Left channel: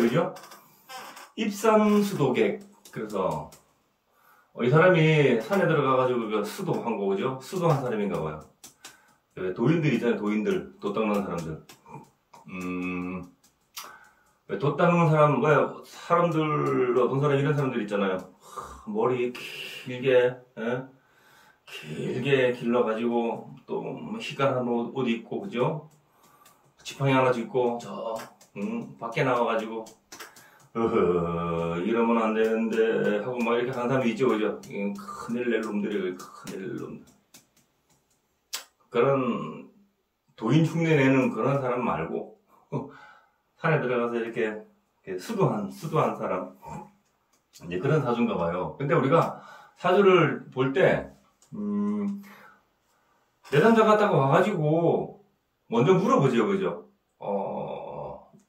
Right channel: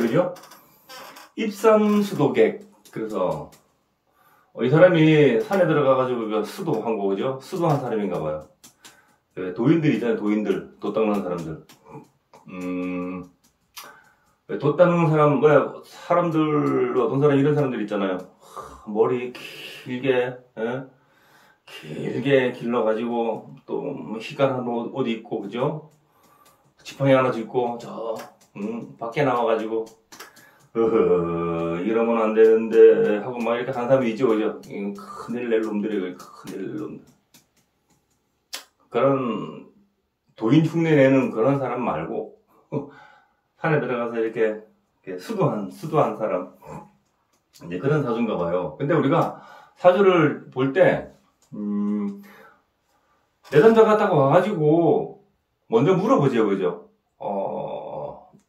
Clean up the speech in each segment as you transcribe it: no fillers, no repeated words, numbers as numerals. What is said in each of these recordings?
그죠? 입산수도객. 그래서 이 사람이 산에 들어가가지고 수도한 거, 그죠? 수도한 사람인가 봐요. 도인들 있잖아요, 도인들. 돛 닦는 사람들. 돛 닦는 사람, 사람들, 어떤 사람, 이런 사람들 있잖아요. 머리 길게, 길게 길러가지고, 또, 희한한 옷 입고, 그죠? 지팡이 하나 짚고, 밖에 나와가지고, 이러면 안 되는데, 하고 막 이렇게 하는 사람이 있죠, 그죠? 큰일 낼 놈들이, 큰일 낼 놈들. 그런, 도인 흉내 내는 그런 사람 말고, 산에 들어가서 이렇게 수도한 사람. 이제 그런 사주인가 봐요. 근데 우리가 사주를 볼 때, 내담자가 딱 와가지고, 먼저 물어보죠, 그죠?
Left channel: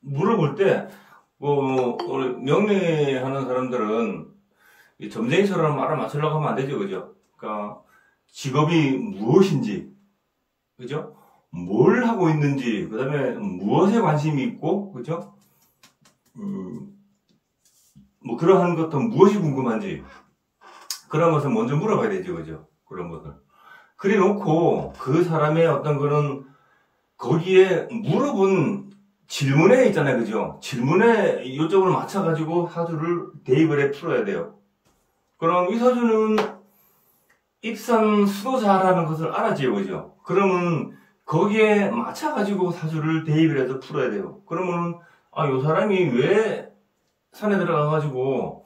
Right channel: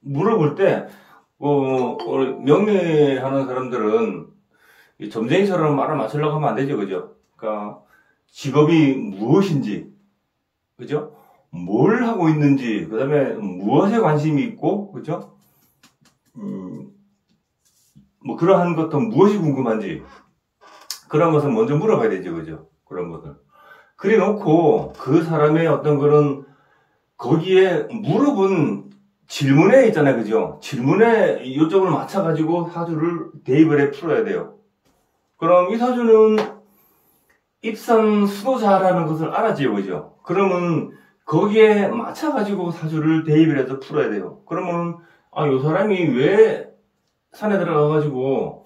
물어볼 때, 명리하는 사람들은 점쟁이처럼 말을 맞추려고 하면 안 되죠, 그죠? 그러니까, 직업이 무엇인지, 그죠? 뭘 하고 있는지, 그 다음에 무엇에 관심이 있고, 그죠? 뭐, 그러한 것도 무엇이 궁금한지, 그런 것을 먼저 물어봐야 되죠, 그죠? 그런 것을. 그래 놓고, 그 사람의 어떤 그런, 거기에 물어본 질문에 있잖아요, 그죠? 질문에 요점을 맞춰가지고 사주를 대입을 해 풀어야 돼요. 그럼 이 사주는 입산 수도자라는 것을 알아지요, 그죠? 그러면 거기에 맞춰가지고 사주를 대입을 해서 풀어야 돼요. 그러면, 이 사람이 왜 산에 들어가가지고,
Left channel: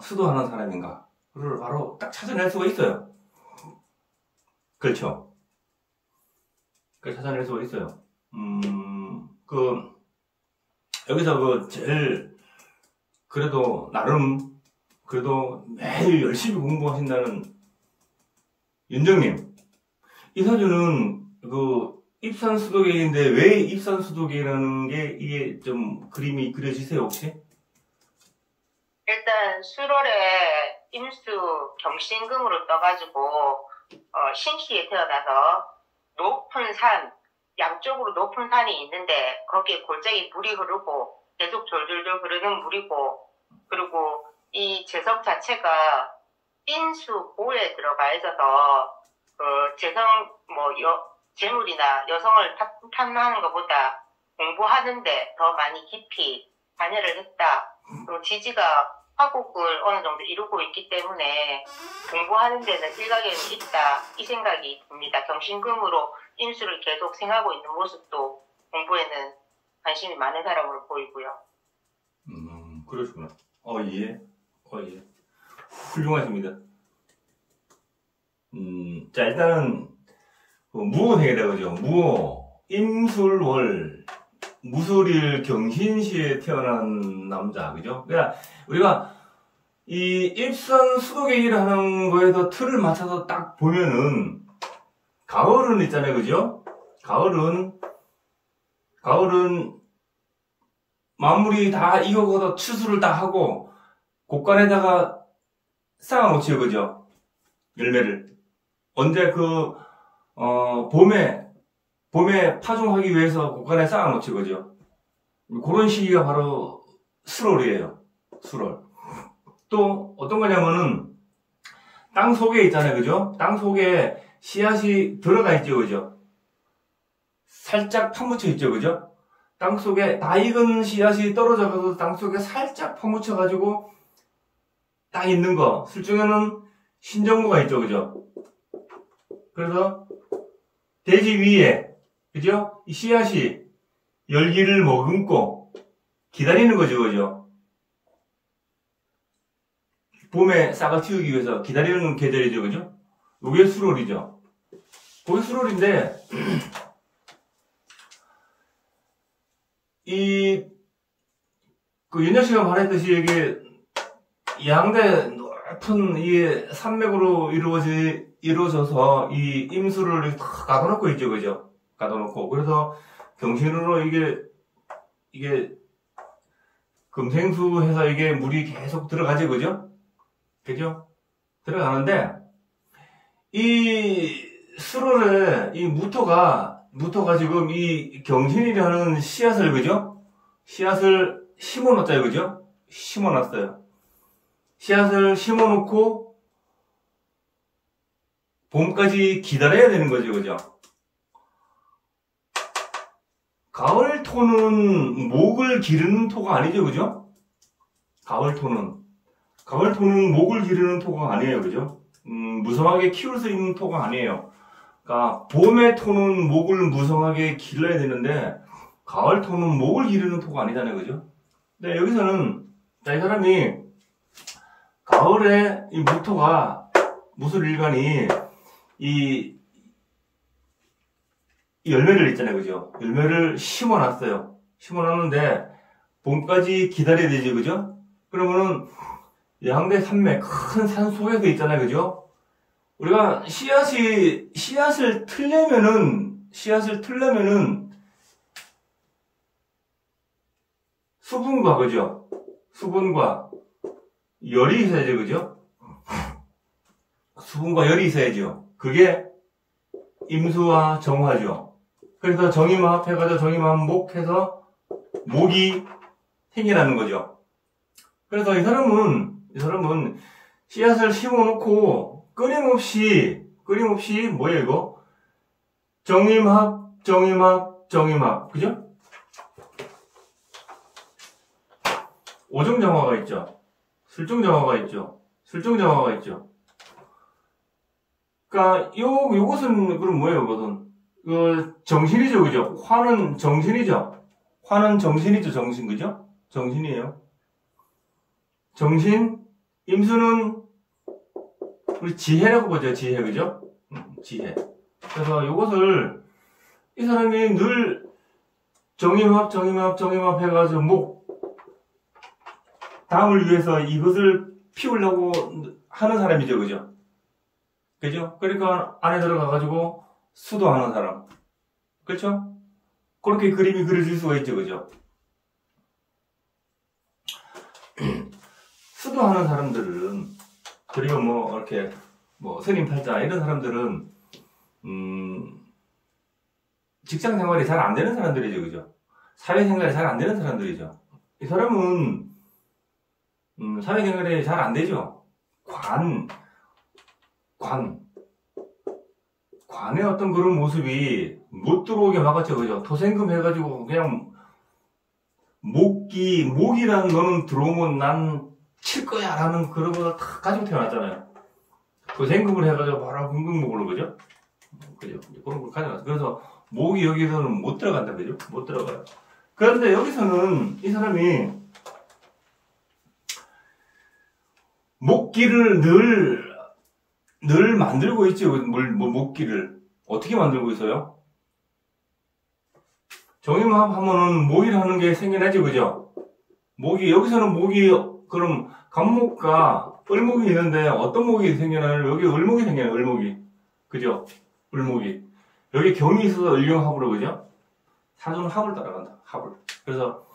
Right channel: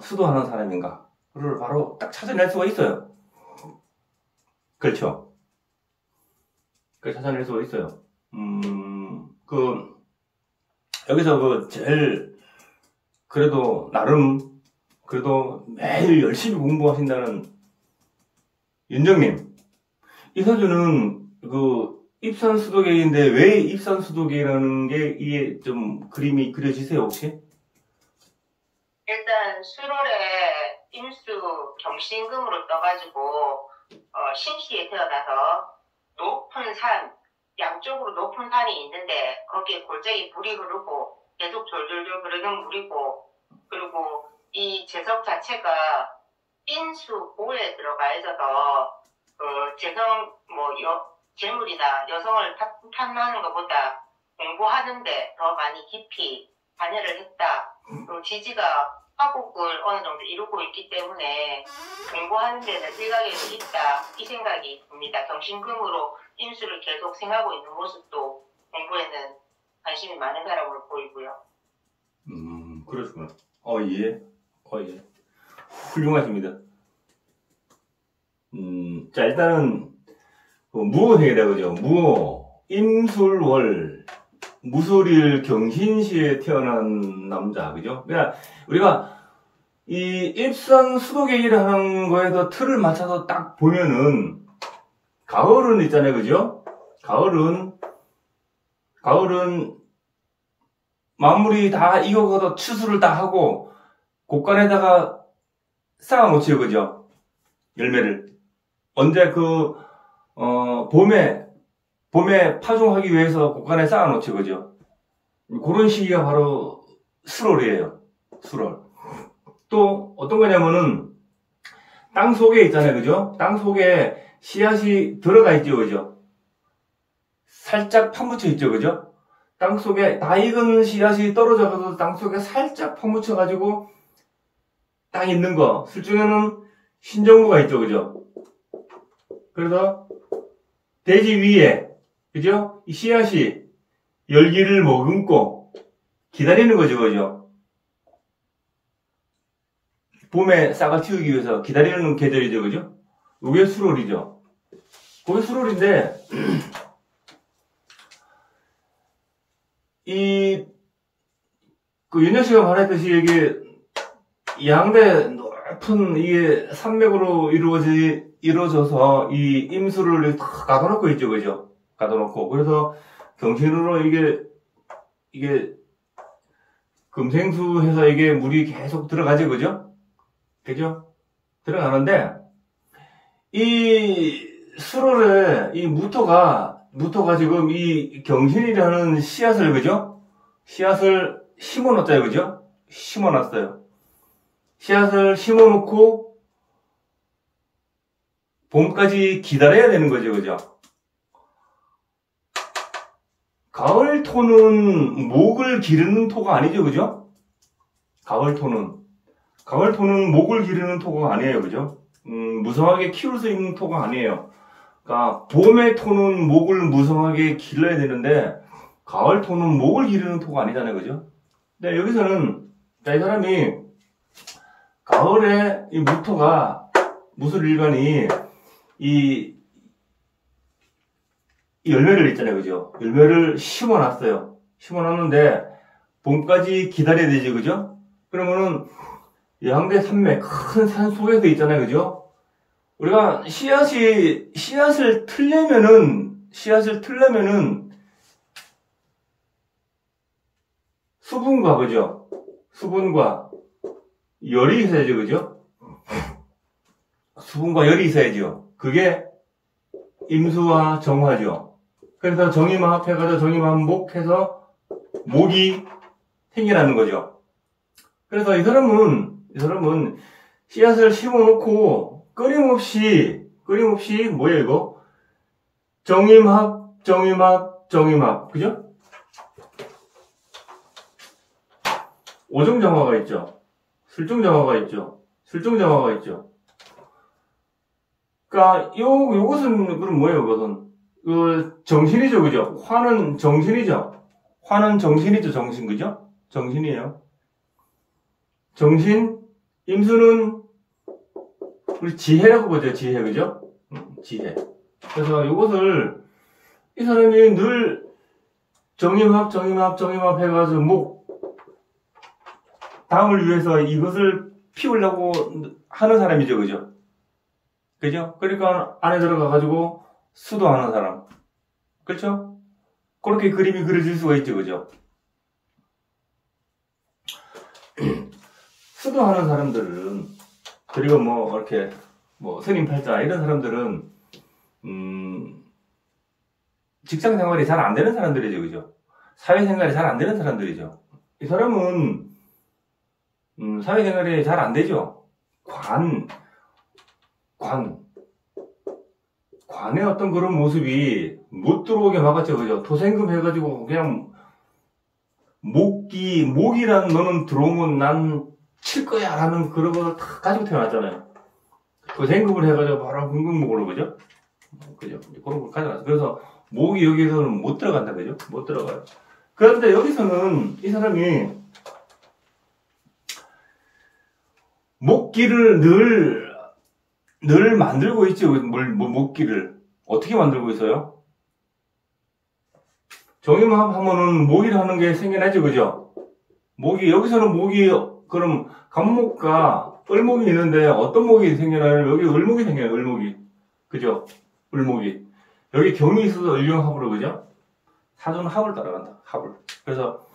수도하는 사람인가를 바로 딱 찾아낼 수가 있어요. 그렇죠? 찾아낼 수가 있어요. 여기서 제일, 그래도, 나름, 그래도 매일 열심히 공부하신다는 윤정님. 이 사주는, 입산수도객인데, 왜 입산수도객이라는 게, 이게 좀 그림이 그려지세요, 혹시? 일단, 수월에 임수 경신금으로 떠가지고, 신시에 태어나서, 높은 산, 양쪽으로 높은 산이 있는데 거기에 골짜기 물이 흐르고 계속 졸졸졸 흐르는 물이고, 그리고 이 재성 자체가 인수고에 들어가 있어서 재물이나 여성을 탐하는 것보다 공부하는데 더 많이 깊이 관여를 했다. 그리고 지지가 화곡을 어느 정도 이루고 있기 때문에 공부하는 데는 일각에는 있다, 이 생각이 듭니다. 경신금으로 인수를 계속 생하고 있는 모습도 공부에는 관심이 많은 사람으로 보이고요. 그러시구나. 예. 훌륭하십니다. 자, 일단은, 무호 세계다, 그죠? 무호, 임술월, 무술일 경신시에 태어난 남자, 그죠? 그러니까, 우리가, 이 입산 수도객이라는 거에서 틀을 맞춰서 딱 보면은, 가을은 있잖아요, 그죠? 가을은 마무리 다 익어서 추수를 다 하고 곡간에다가 쌓아놓지요, 그죠? 열매를. 언제 봄에 파종하기 위해서 곡간에 쌓아놓지요, 그죠? 그런 시기가 바로 수월이에요, 수월. 또 어떤 거냐면은 땅 속에 있잖아요, 그죠? 땅 속에 씨앗이 들어가 있죠, 그죠? 살짝 파묻혀 있죠, 그죠? 땅 속에 다 익은 씨앗이 떨어져 가서 땅 속에 살짝 파묻혀 가지고 딱 있는 거. 술중에는 신정구가 있죠, 그죠? 그래서 대지 위에, 그죠? 이 씨앗이 열기를 머금고 기다리는 거죠, 그죠? 봄에 싹을 틔우기 위해서 기다리는 계절이죠, 그죠? 요게 수월이죠. 그게 수월인데, 윤영 씨가 말했듯이 이게 양대 높은 이게 산맥으로 이루어져서 이 임수를 다 가둬놓고 있죠, 그죠? 가둬놓고. 그래서 경신으로 이게 금생수 해서 이게 물이 계속 들어가죠, 그죠? 그죠? 들어가는데, 이 수월에 이 무토가 지금 이 경신이라는 씨앗을, 그죠? 씨앗을 심어놨어요. 그죠? 심어놨어요. 씨앗을 심어놓고 봄까지 기다려야 되는 거죠. 그죠? 가을 토는 목을 기르는 토가 아니죠. 그죠? 가을 토는 목을 기르는 토가 아니에요. 그죠? 무성하게 키울 수 있는 토가 아니에요. 그러니까 봄의 토는 목을 무성하게 길러야 되는데 가을 토는 목을 기르는 토가 아니잖아요. 그죠? 근데 여기서는 이 사람이 가을에 이 무토가 무술일간이 이 열매를 있잖아요. 그죠? 열매를 심어놨어요. 심어놨는데 봄까지 기다려야 되지. 그죠? 그러면은 양대 산맥 큰 산 속에서 있잖아요. 그죠? 우리가 씨앗을 틀려면은 수분과 그죠? 수분과 열이 있어야죠. 그죠? 수분과 열이 있어야죠. 그게 임수와 정화죠. 그래서 정임합 해가지고 정임합목해서 목이 생겨나는 거죠. 그래서 이 사람은 씨앗을 심어놓고 끊임없이 뭐예요 이거? 정임합 그죠? 오정정화가 있죠. 술정정화가 있죠. 그러니까 요것은 그럼 뭐예요? 그것은 정신이죠. 그죠? 화는 정신이죠. 정신 그죠? 정신이에요. 정신, 임수는 우리 지혜라고 보죠. 지혜 그죠? 지혜. 그래서 요것을 이 사람이 늘 정임합 해가지고 다음을 위해서 이것을 피우려고 하는 사람이죠. 그죠? 그죠? 그러니까 안에 들어가가지고 수도하는 사람. 그렇죠? 그렇게 그림이 그려질 수가 있죠. 그죠? 수도하는 사람들은, 그리고 이렇게, 스님 팔자, 이런 사람들은, 직장 생활이 잘 안 되는 사람들이죠. 그죠? 사회생활이 잘 안 되는 사람들이죠. 이 사람은, 사회생활이 잘 안 되죠. 관의 어떤 그런 모습이 못 들어오게 막았죠. 그죠? 토생금 해가지고 그냥 목이라는 너는 들어오면 난 칠 거야 라는 그런 걸 다 가지고 태어났잖아요. 토생금을 해가지고 바로 흥금목으로 그죠? 그죠? 그런 걸 가져놨어요. 그래서 목이 여기로는 못 들어간다. 그죠? 못 들어가요. 그런데 여기서는 이 사람이 목기를 늘 만들고 있죠. 목기를. 어떻게 만들고 있어요? 정임합 하면은 목이라는 게 생겨나죠. 그죠? 여기서는 그럼 간목과 을목이 있는데 어떤 목이 생겨나요? 여기 을목이 생겨요. 을목이. 그죠? 을목이. 여기 경이 있어서 을경합으로, 그죠? 사주는 합을 따라간다. 합을. 그래서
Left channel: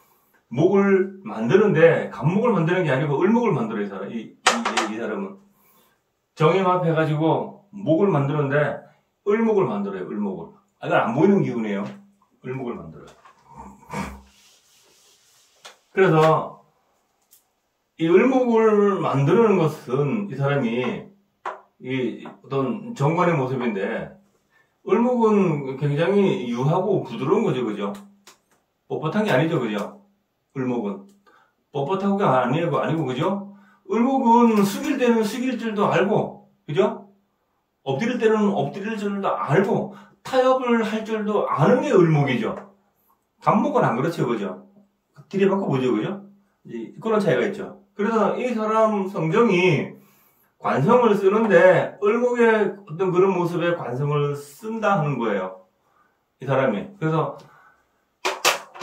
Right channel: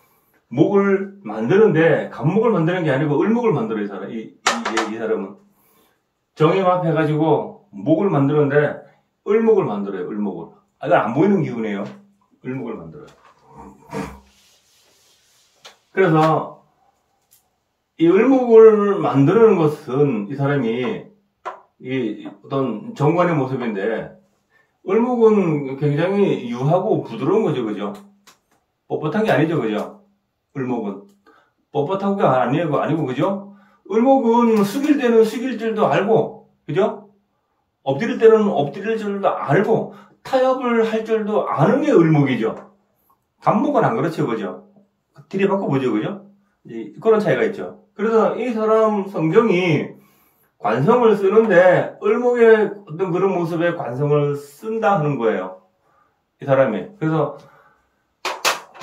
목을 만드는데 간목을 만드는 게 아니고 을목을 만들어요. 이 사람은. 정임합 해가지고 목을 만드는데 을목을 만들어요. 을목을. 이건 안 보이는 기운이에요. 을목을 만들어요. 그래서 이 을목을 만드는 것은 이 사람이 어떤 정관의 모습인데, 을목은 굉장히 유하고 부드러운 거죠. 그죠? 뻣뻣한 게 아니죠. 그죠? 을목은. 뻣뻣한 거 아니고, 그죠? 을목은 숙일 때는 숙일 줄도 알고, 그죠? 엎드릴 때는 엎드릴 줄도 알고, 타협을 할 줄도 아는 게 을목이죠. 간목은 안 그렇죠. 그죠? 들이받고 보죠. 그죠? 그런 차이가 있죠. 그래서 이 사람 성정이 관성을 쓰는데 을목의 어떤 그런 모습에 관성을 쓴다 하는 거예요. 이 사람이. 그래서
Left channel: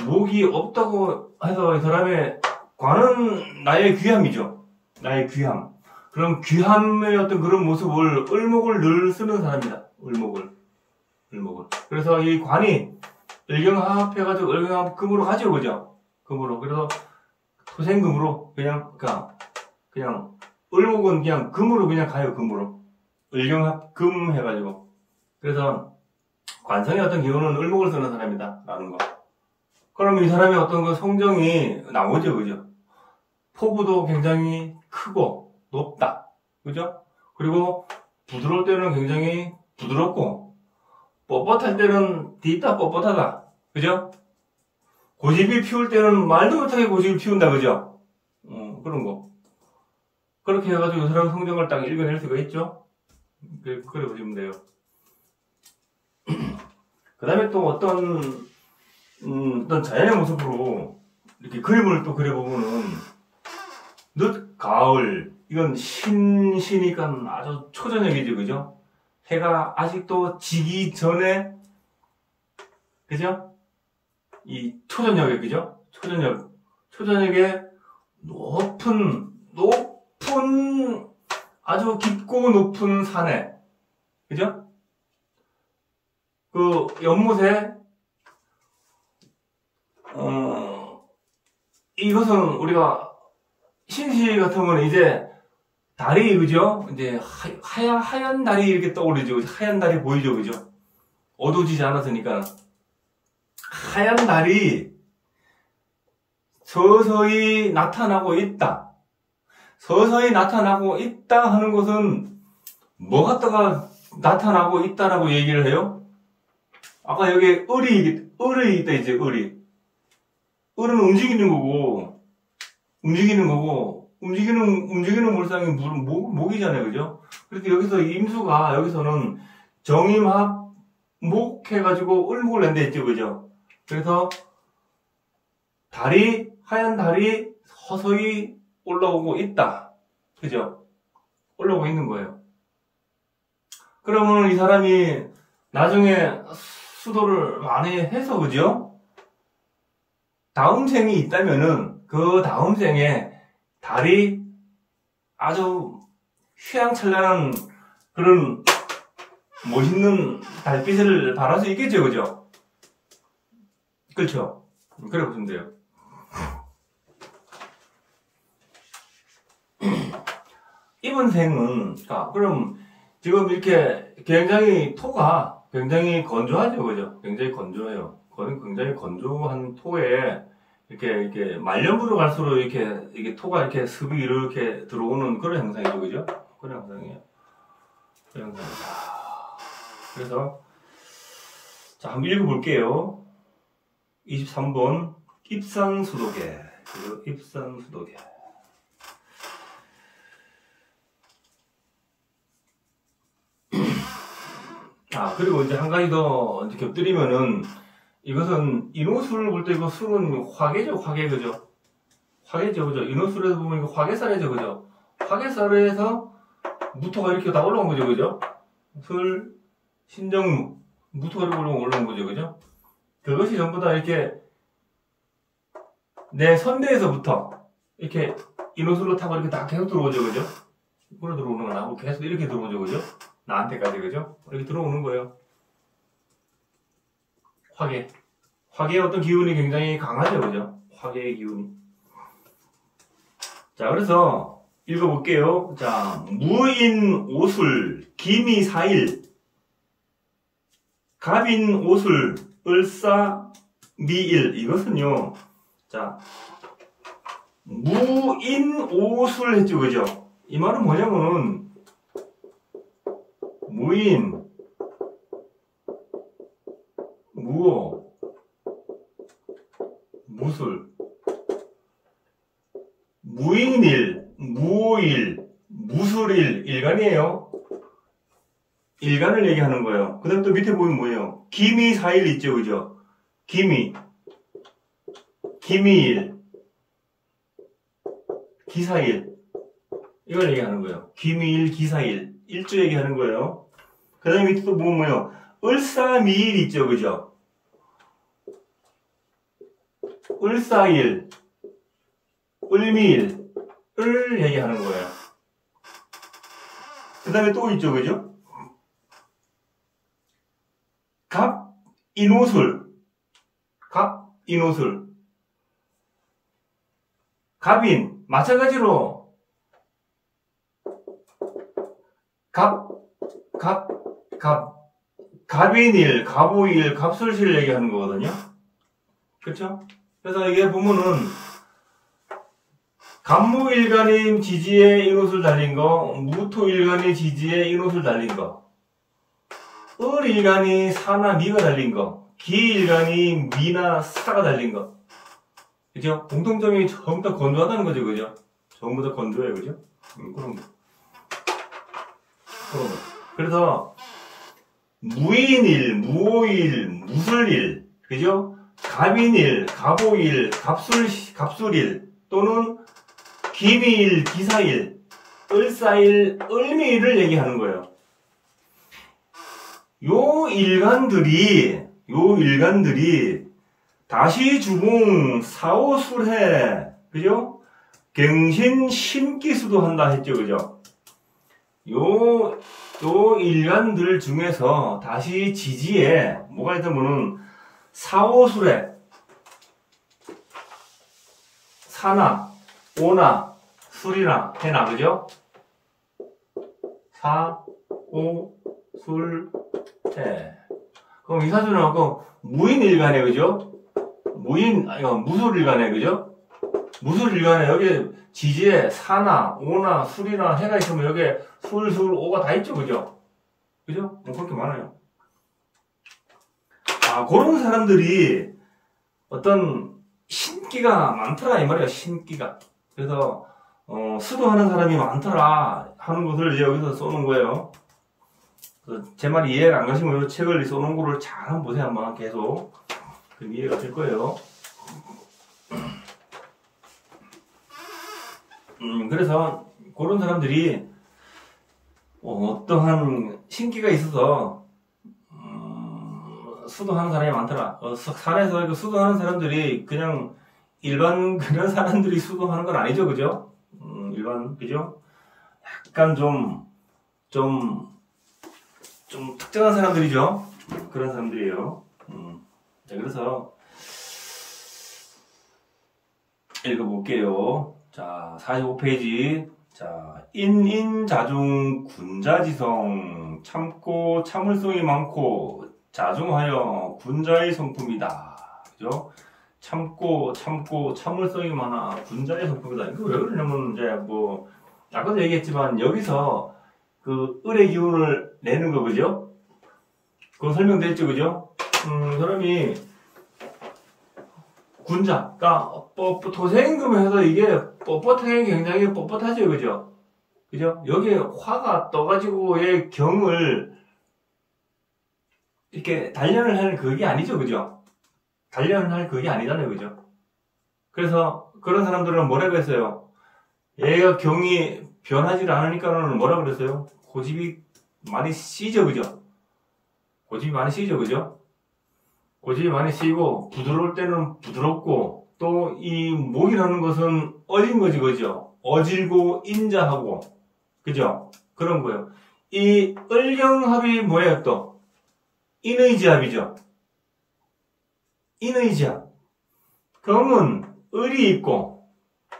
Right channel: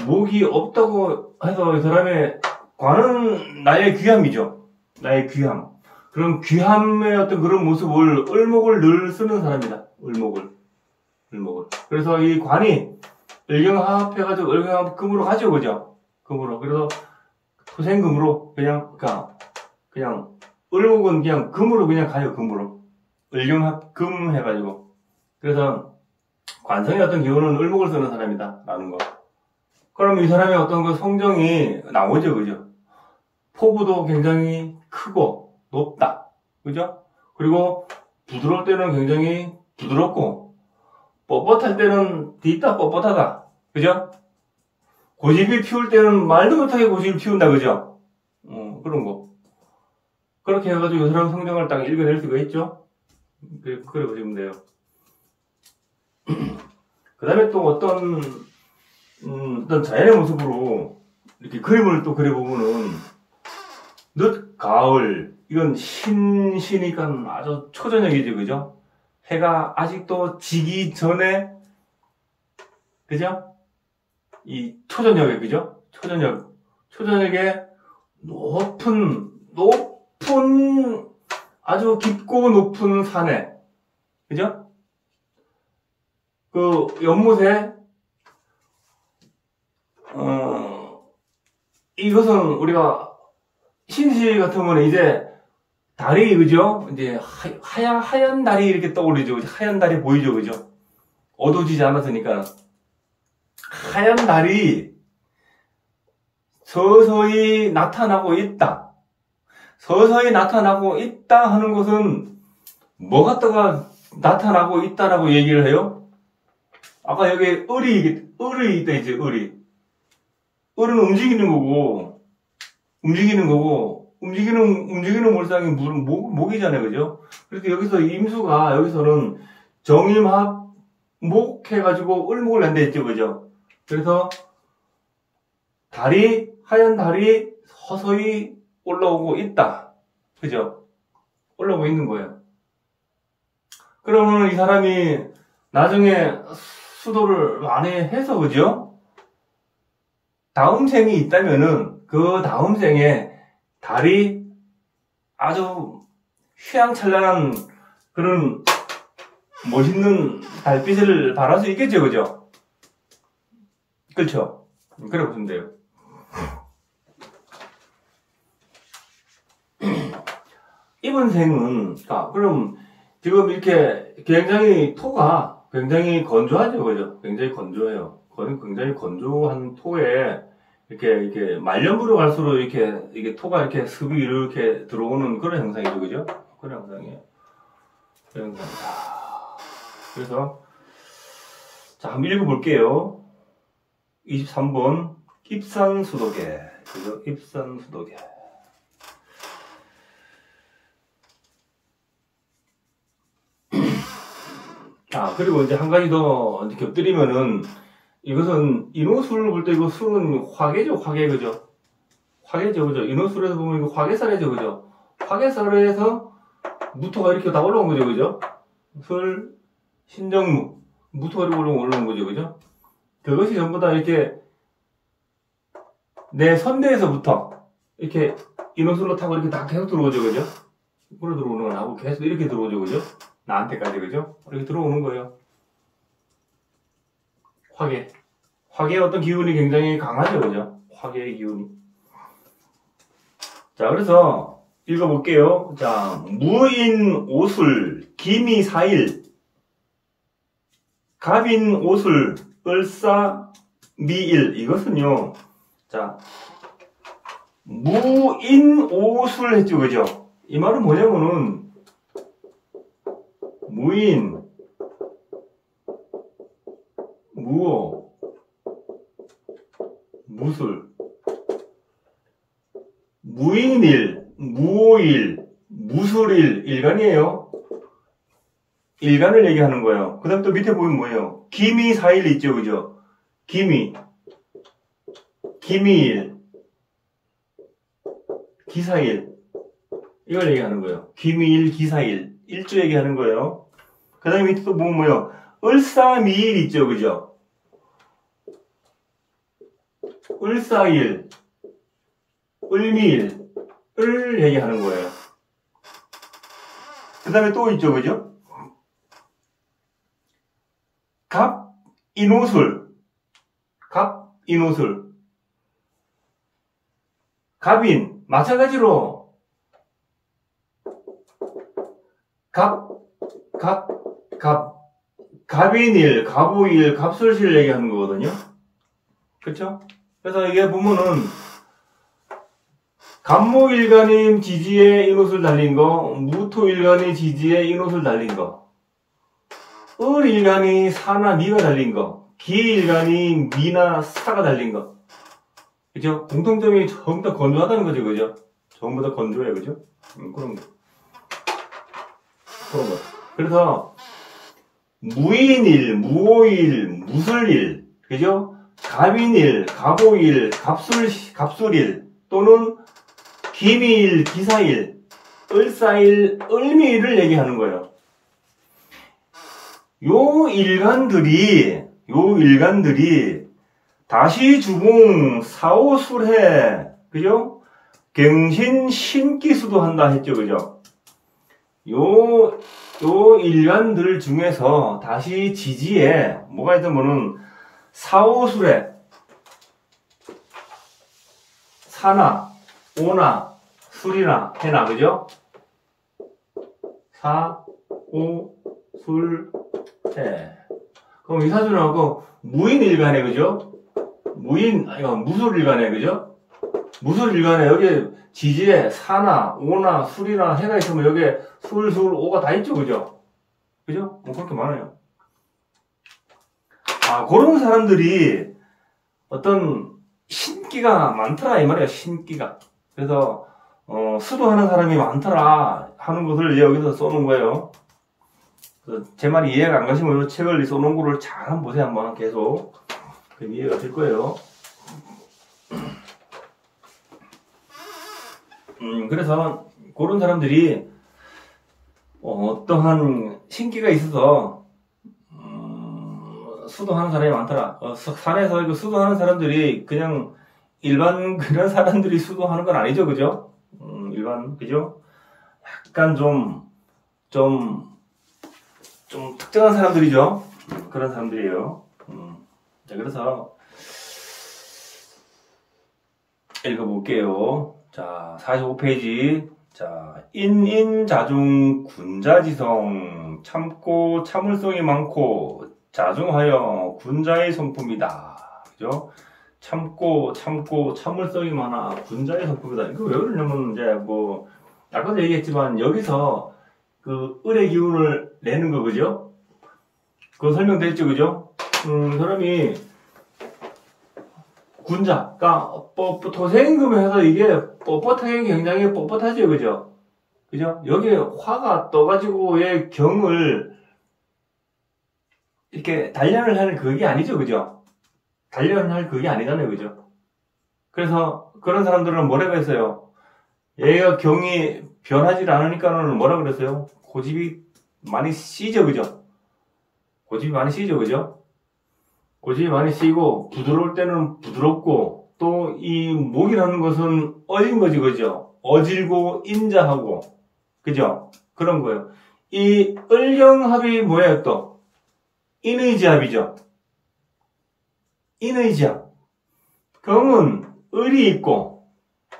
목이 없다고 해서 이 사람의 관은 나의 귀함이죠. 나의 귀함. 그런 귀함의 어떤 그런 모습을 을목을 늘 쓰는 사람이다. 을목을. 그래서 이 관이 을경합해가지고 을경합 금으로 가죠. 그죠? 금으로. 그래서 토생금으로 그냥 을목은 그냥 금으로 그냥 가요. 금으로. 을경합 금 해가지고. 그래서 관성의 어떤 경우는 을목을 쓰는 사람이다 라는 거. 그럼 이 사람의 어떤 그 성정이 나오죠, 그죠? 포부도 굉장히 크고 높다, 그죠? 그리고 부드러울 때는 굉장히 부드럽고 뻣뻣할 때는 뒤따 뻣뻣하다, 그죠? 고집이 피울 때는 말도 못하게 고집이 피운다, 그죠? 그런 거. 그렇게 해가지고 이 사람의 성정을 딱 읽어낼 수가 있죠? 그래 보시면 돼요. 그 다음에 또 어떤 자연의 모습으로 이렇게 그림을 또 그려보면은, 늦, 가을, 이건 신이니까 아주 초저녁이죠, 그죠? 해가 아직도 지기 전에, 그죠? 이 초저녁에, 그죠? 초저녁에 높은, 아주 깊고 높은 산에, 그죠? 그 연못에, 이것은 우리가 신시 같으면 이제 달이, 그죠? 이제 하얀 달이 이렇게 떠오르죠. 하얀 달이 보이죠, 그죠? 어두워지지 않았으니까. 하얀 달이 서서히 나타나고 있다. 서서히 나타나고 있다 하는 것은 뭐 갖다가 나타나고 있다라고 얘기를 해요? 아까 여기 을이 있다, 이제 을이. 을은 움직이는 물상이 목이잖아요, 그죠? 그래서 여기서 여기서는 정임합 목 해가지고 을목을 낸다 했죠, 그죠? 그래서 하얀 달이 서서히 올라오고 있다, 그죠? 올라오고 있는 거예요. 그러면 이 사람이 나중에 수도를 많이 해서, 그죠? 다음 생이 있다면은 그 다음 생에 달이 아주 휘황찬란한 그런 멋있는 달빛을 발할 수 있겠죠, 그죠? 그렇죠? 그래 보시면 돼요. 이번 생은, 그럼 지금 이렇게 토가 굉장히 건조하죠, 그죠? 굉장히 건조해요. 굉장히 건조한 토에 이렇게 말년부로 갈수록 이게 토가 이렇게 습이 이렇게 들어오는 그런 현상이죠, 그죠? 그런 현상이에요. 그런 현상이다. 그래서, 자, 한번 읽어볼게요. 23번, 입산수도계. 그죠? 입산수도계. 그리고 이제 한 가지 더 곁들이면은, 이것은 인호술을 볼 때 이거 술은 화계죠, 화계, 그죠? 화계죠, 그죠? 인호술에서 보면 이거 화계살이죠, 그죠? 화계살에서 무토가 이렇게 다 올라온 거죠, 그죠? 술, 신정무, 무토가 이렇게 올라온 거죠, 그죠? 그것이 전부 다 이렇게 내 선대에서부터 이렇게 인호술로 타고 이렇게 다 계속 들어오죠, 그죠? 이렇게 들어오는 거하고 계속 이렇게 들어오죠, 그죠? 나한테까지, 그죠? 이렇게 들어오는 거예요. 화계의 어떤 기운이 굉장히 강하죠, 그죠? 화계의 기운이. 자, 그래서 읽어볼게요. 자, 무인 오술, 기미 사일, 갑인 오술, 을사 미일. 이것은요, 자, 무인 오술 했죠, 그죠? 이 말은 뭐냐면은, 무인, 무오, 무술, 무인일, 무오일, 무술일, 일간이에요. 일간을 얘기하는 거예요. 그 다음 또 밑에 보면 뭐예요? 기미사일 있죠, 그죠? 기미일, 기사일, 이걸 얘기하는 거예요. 기미일, 기사일, 일조 얘기하는 거예요. 그 다음에 밑에 또 보면 뭐예요? 을사미일 있죠, 그죠? 을사일, 을미일, 을 얘기하는 거예요. 그 다음에 또 있죠, 그죠? 갑인오술, 갑인, 마찬가지로 갑인일, 갑오일, 갑술실 얘기하는 거거든요. 그쵸? 그래서 이게 보면은, 간목일간이 지지에 인옷을 달린 거, 무토일간이 지지에 인옷을 달린 거, 을일간이 사나 미가 달린 거, 기일간이 미나 사가 달린 거. 그죠? 공통점이 전부 다 건조하다는 거죠, 그죠? 전부 다 건조해요, 그죠? 그런 거. 그런 거. 그래서, 무인일, 무오일, 무술일, 그죠? 갑인일, 갑오일, 갑술일, 또는 기미일, 기사일, 을사일, 을미일을 얘기하는 거예요. 요 일간들이 다시 주봉, 사오술해, 그죠? 경신, 신기수도 한다 했죠, 그죠? 요 일간들 중에서 다시 지지에 뭐가 있다면은 사오술해, 사나, 오나, 술이나, 해나, 그죠? 사, 오, 술, 해. 그럼 이 사주나고 무인일간에, 그죠? 무술일간에, 그죠? 무술일간에 여기 지지에 사나, 오나, 술이나, 해가 있으면 여기에 술, 오가 다 있죠, 그죠? 그죠? 뭐 그렇게 많아요. 그런 사람들이 어떤 신기가 많더라, 이 말이야, 신기가. 그래서, 수도하는 사람이 많더라 하는 것을 이제 여기서 써놓은 거예요. 제 말이 이해가 안 가시면 이 책을 써놓은 거를 잘 한번 보세요, 한번 계속. 그럼 이해가 될 거예요. 그래서 그런 사람들이 어떠한 신기가 있어서 수도하는 사람이 많더라. 산에서 수도하는 사람들이 그냥 일반 그런 사람들이 수도하는 건 아니죠, 그죠? 일반, 그죠? 약간 좀 특정한 사람들이죠. 그런 사람들이에요. 자, 그래서 읽어볼게요. 자, 45페이지. 자, 인자중 군자지성, 참고 참을성이 많고 자중하여 군자의 성품이다. 그죠? 참고 참을성이 많아 군자의 성품이다. 이거 왜 그러냐면 이제 뭐 아까도 얘기했지만 여기서 그 을의 기운을 내는 거, 그죠? 그거 설명돼 있죠, 그죠? 사람이 군자, 그러니까 토생금을 해서 이게 뻣뻣하게 굉장히 뻣뻣하죠, 그죠? 그죠? 여기에 화가 떠가지고의 경을 이렇게 단련을 할 그게 아니죠, 그죠? 단련을 할 그게 아니잖아요, 그죠? 그래서 그런 사람들은 뭐라고 했어요? 얘가 경이 변하지 않으니까는 뭐라 그랬어요? 고집이 많이 씨죠, 그죠? 고집이 많이 씨죠, 그죠? 고집이 많이 씨고 부드러울 때는 부드럽고 또 이 목이라는 것은 어진 거지, 그죠? 어질고 인자하고, 그죠? 그런 거예요. 이 을경합이 뭐예요, 또? 인의지합이죠. 인의지합. 경은 을이 있고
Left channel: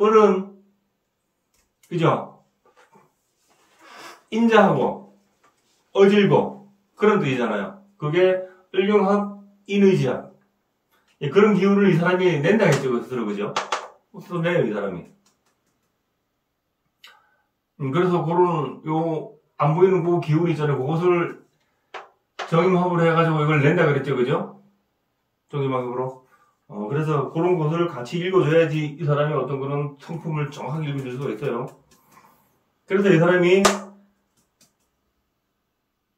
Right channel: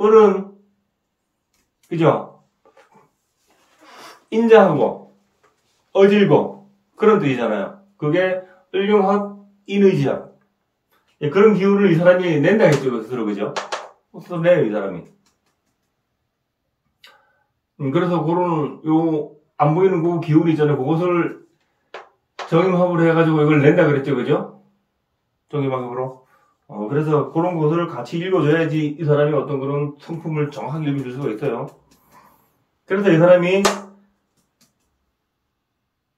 을은, 그죠? 인자하고 어질고 그런 뜻이잖아요. 그게 을경합, 인의지합. 그런 기운을 이 사람이 낸다 했죠, 스스로, 그죠? 스스로 내요, 이 사람이. 그래서 그런 안 보이는 그 기운이 있잖아요. 그것을 정임합으로 해가지고 이걸 낸다 그랬죠, 그죠? 정임합으로. 그래서 그런 것을 같이 읽어줘야지 이 사람이 어떤 그런 성품을 정확하게 읽어줄 수가 있어요. 그래서 이 사람이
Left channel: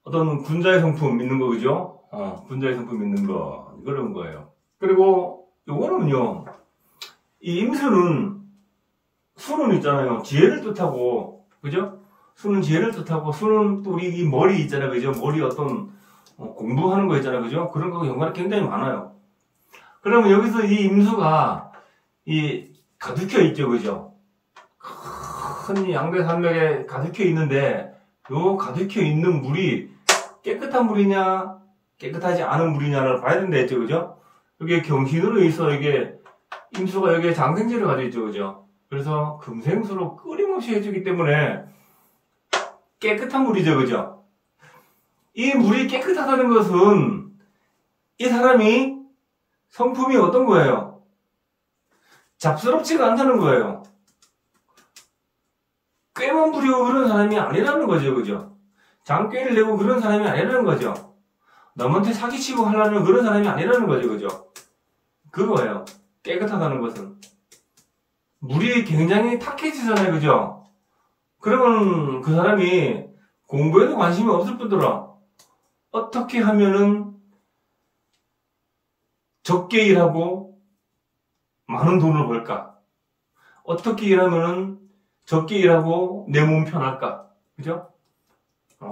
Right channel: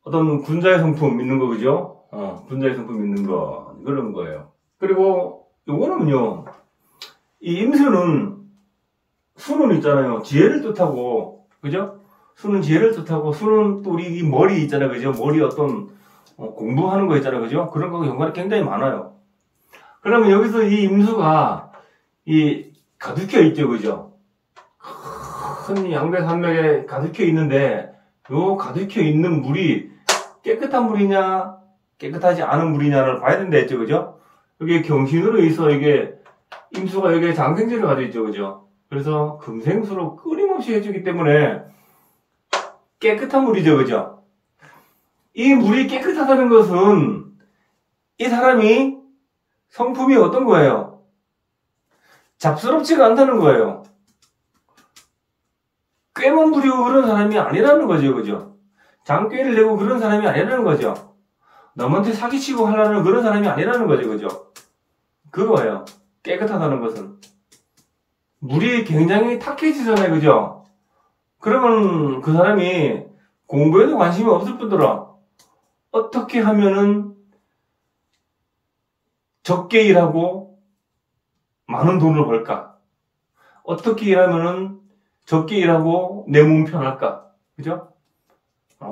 어떤 군자의 성품 있는 거, 그죠? 군자의 성품 있는 거, 그런 거예요. 그리고 요거는요, 이 임수는, 수는 있잖아요. 지혜를 뜻하고, 그죠? 수는 지혜를 뜻하고, 수는 또 우리 이 머리 있잖아요, 그죠? 머리 어떤 공부하는 거 있잖아요, 그죠? 그런 거하고 연관이 굉장히 많아요. 그러면 여기서 이 임수가 가득혀 있죠, 그죠? 큰 양배산맥에 가득혀 있는데, 요 가득혀 있는 물이 깨끗한 물이냐, 깨끗하지 않은 물이냐를 봐야 된다 했죠, 그죠? 여기 경신으로 있어, 이게, 임수가 여기에 장생지를 가지고 있죠, 그죠? 그래서 금생수로 끊임없이 해주기 때문에 깨끗한 물이죠, 그죠? 이 물이 깨끗하다는 것은 이 사람이 성품이 어떤 거예요? 잡스럽지가 않다는 거예요. 꾀만 부리고 그런 사람이 아니라는 거죠, 그죠? 장꾀를 내고 그런 사람이 아니라는 거죠. 남한테 사기치고 하려는 그런 사람이 아니라는 거죠, 그죠? 그거예요. 깨끗하다는 것은. 물이 굉장히 탁해지잖아요, 그죠? 그러면 그 사람이 공부에도 관심이 없을 뿐더러 어떻게 하면은 적게 일하고 많은 돈을 벌까? 어떻게 일하면은 적게 일하고 내 몸 편할까? 그죠?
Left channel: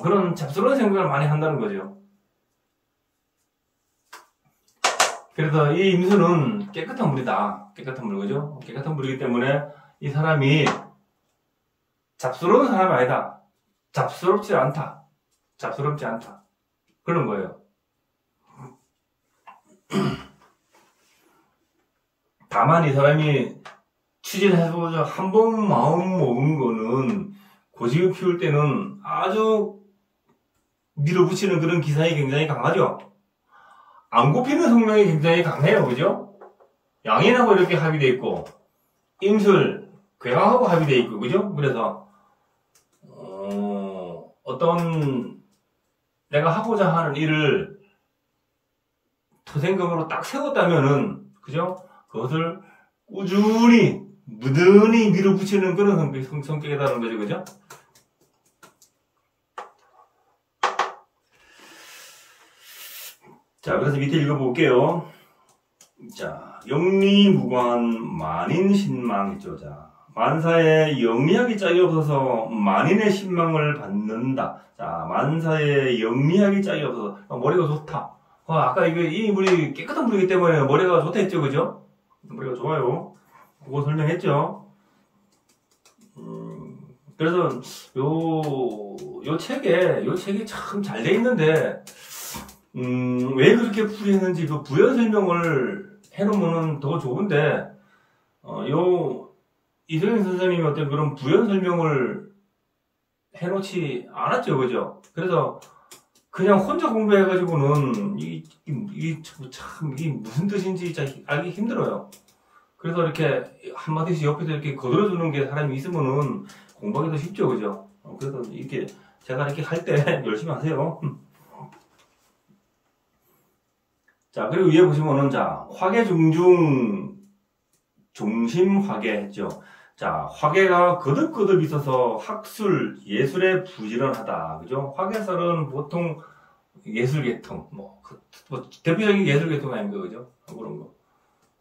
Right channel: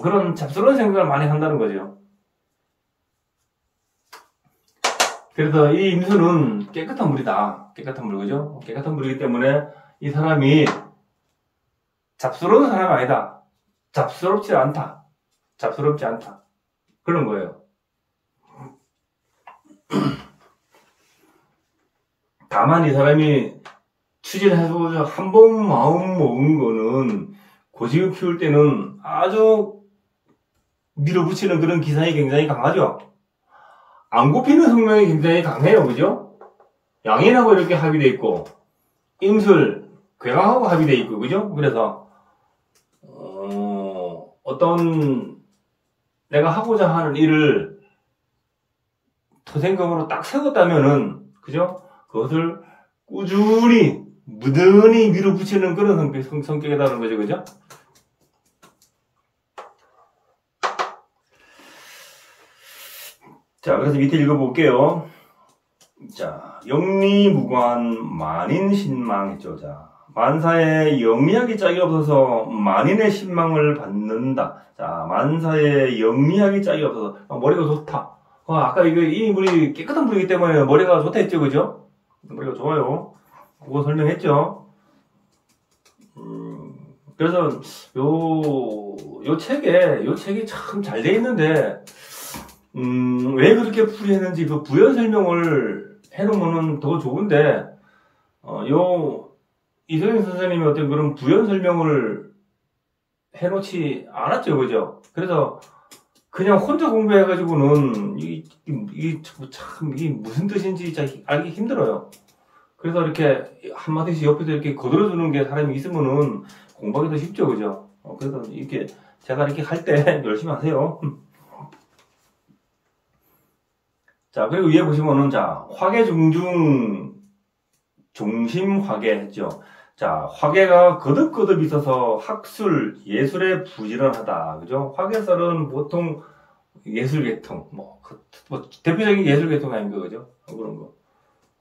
그런 잡스러운 생각을 많이 한다는 거죠. 그래서 이 임수는 깨끗한 물이다. 깨끗한 물, 그죠? 깨끗한 물이기 때문에 이 사람이 잡스러운 사람이 아니다. 잡스럽지 않다. 잡스럽지 않다. 그런 거예요. 다만 이 사람이 추진해서 한 번 마음 먹은 거는 고집을 피울 때는 아주 밀어붙이는 그런 기상이 굉장히 강하죠. 안 굽히는 성명이 굉장히 강해요. 그죠? 양인하고 이렇게 합의되어 있고 임술, 괴강하고 합의되어 있고 그죠? 그래서 어떤 내가 하고자 하는 일을 토생금으로 딱 세웠다면은 그죠? 그것을 꾸준히 무던히 밀어붙이는 그런 성격이라는 거죠. 그죠? 자, 그래서 밑에 읽어볼게요. 자, 영리무관 만인신망했죠. 자, 만사에 영리하기 짝이 없어서 만인의 신망을 받는다. 자, 만사에 영리하기 짝이 없어서 머리가 좋다. 아까 이 물이 깨끗한 물이기 때문에 머리가 좋다 했죠, 그죠? 머리가 좋아요. 그거 설명했죠. 그래서 요 책이 참 잘 돼 있는데 왜 그렇게 풀이했는지 그 부연 설명을 해놓으면 더 좋은데, 이성현 선생님이 어떤 그런 부연 설명을 해놓지 않았죠, 그죠? 그래서 그냥 혼자 공부해가지고는 이게 무슨 뜻인지 알기 힘들어요. 그래서 이렇게 한마디씩 옆에서 이렇게 거들어주는 게 사람이 있으면은 공부하기 더 쉽죠, 그죠? 그래서 이렇게 제가 이렇게 할 때 열심히 하세요. 자, 그리고 위에 보시면은, 자, 화계중중, 종심화계 했죠. 자, 화계가 거듭거듭 있어서 학술, 예술에 부지런하다. 그죠? 화계설은 보통 예술계통, 대표적인 예술계통 아닌가, 그죠?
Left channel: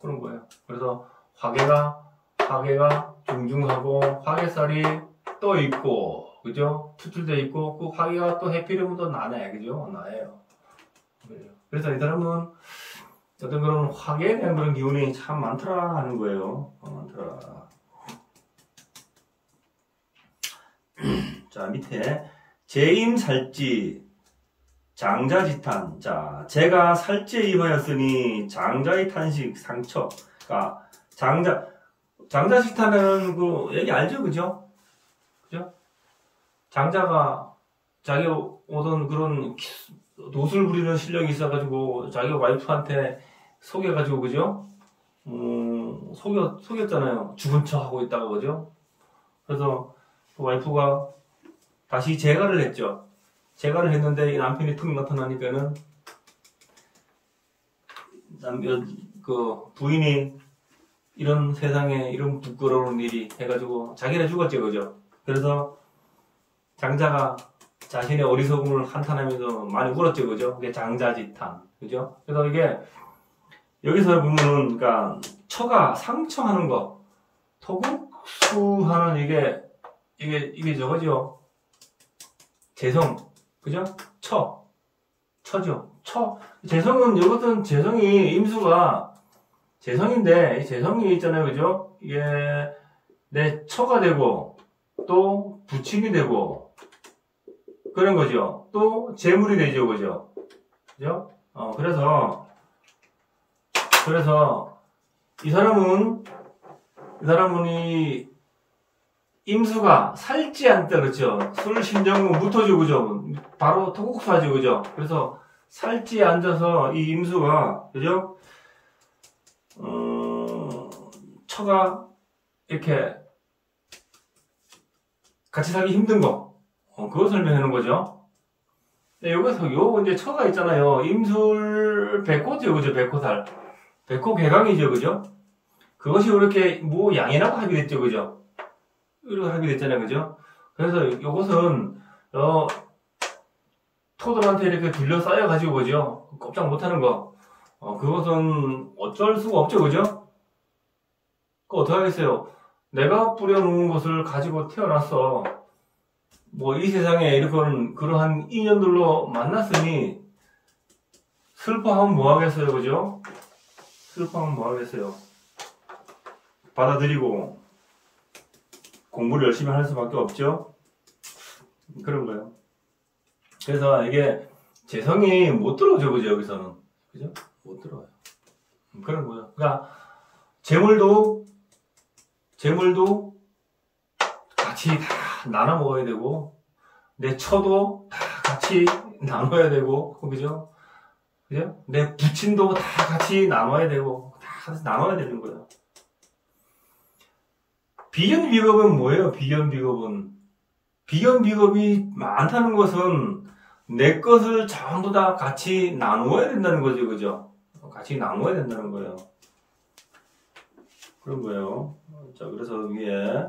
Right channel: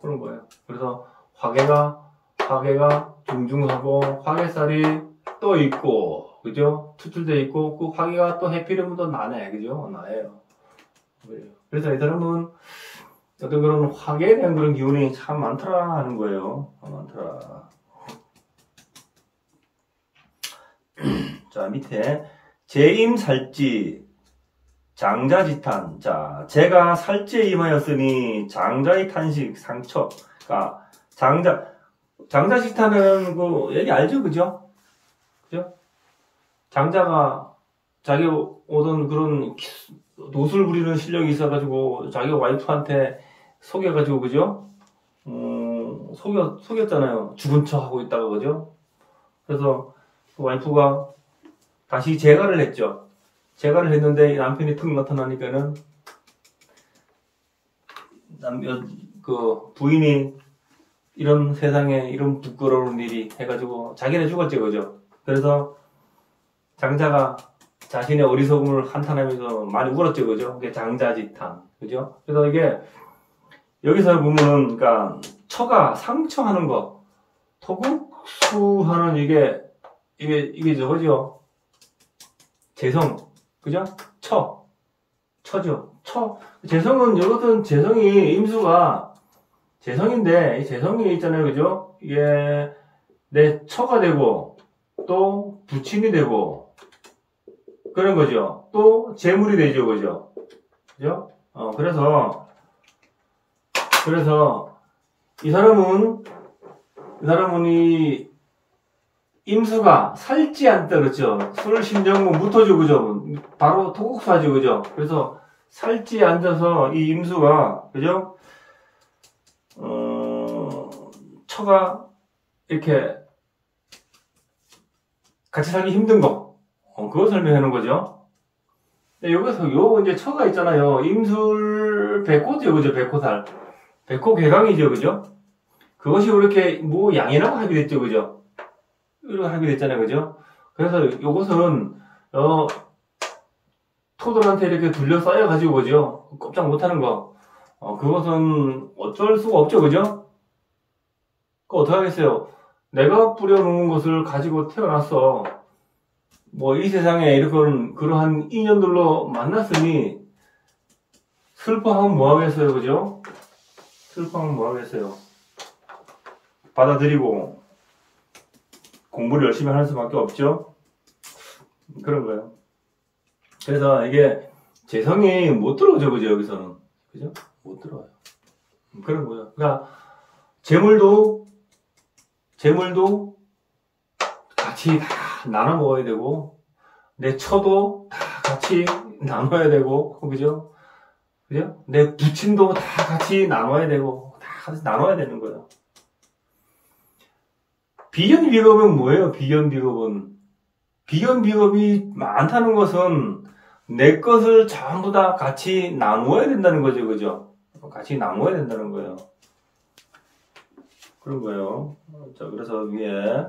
그런 거예요. 그래서 화계가 중중하고, 화계살이 또 있고, 그죠? 투출되어 있고, 그 화계가 또 해피름은 또 나네, 그죠? 나예요. 그래서 이 사람은 어떤 그런 화계에 대한 그런 기운이 참 많더라 하는 거예요. 많더라. 자, 밑에 제임살지 장자지탄. 자, 제가 살지에 임하였으니 장자의 탄식 상처가 장자지탄은 그 얘기 알죠, 그죠? 그죠? 장자가 자기 오던 그런 노술 부리는 실력이 있어가지고 자기 와이프한테 속여가지고 그죠? 속였잖아요. 죽은 척 하고 있다가 그죠? 그래서 그 와이프가 다시 재가를 했죠. 재가를 했는데 남편이 툭 나타나니까는 그 부인이 이런 세상에 이런 부끄러운 일이 해가지고 자기네 죽었죠, 그죠? 그래서 장자가 자신의 어리석음을 한탄하면서 많이 울었죠, 그죠? 그게 장자지탄, 그죠? 그래서 이게 여기서 보면은, 그러니까 처가 상처하는 거, 토국수하는 이게 저거죠? 재성, 그죠? 처죠. 재성은 이것은 재성이 임수가 재성인데 이 재성이 있잖아요, 그죠? 이게 내 처가 되고 또 부친이 되고. 그런 거죠. 또 재물이 되죠, 그죠? 그죠? 그래서 이 사람은 이 임수가 살지 않다, 그렇죠? 술신정문 무토죠, 그죠? 바로 토국사죠, 그죠? 그래서 살지 않아서 이 임수가, 그죠? 처가 이렇게 같이 살기 힘든 거, 그걸 설명하는 거죠. 여기서 이제 처가 있잖아요. 임술 백호죠, 그죠? 백호살. 백호 개강이죠, 그죠? 그것이 그렇게 뭐 양이라고 하게 됐죠, 그죠? 이렇게 하게 됐잖아요, 그죠? 그래서 이것은 토들한테 이렇게 둘러싸여가지고, 그죠? 꼼짝 못하는 거. 그것은 어쩔 수가 없죠, 그죠? 그거 어떡하겠어요? 내가 뿌려놓은 것을 가지고 태어났어. 뭐, 이 세상에 이렇게 그러한 인연들로 만났으니, 슬퍼하면 뭐 하겠어요, 그죠? 슬퍼하면 뭐 하겠어요? 받아들이고, 공부를 열심히 할 수밖에 없죠? 그런 거예요. 그래서 이게, 재성이 못 들어오죠, 그죠, 여기서는. 그죠? 못 들어와요. 그런 거예요. 그러니까, 재물도 같이 다 나눠 먹어야 되고, 내 처도 다 같이 나눠야 되고, 그죠? 그죠? 내 부친도 다 같이 나눠야 되고, 다 같이 나눠야 되는 거예요. 비견비겁은 뭐예요? 비견비겁은. 비견비겁이 많다는 것은 내 것을 전부 다 같이 나누어야 된다는 거죠, 그죠? 같이 나누어야 된다는 거예요. 그런 거예요. 자, 그래서 위에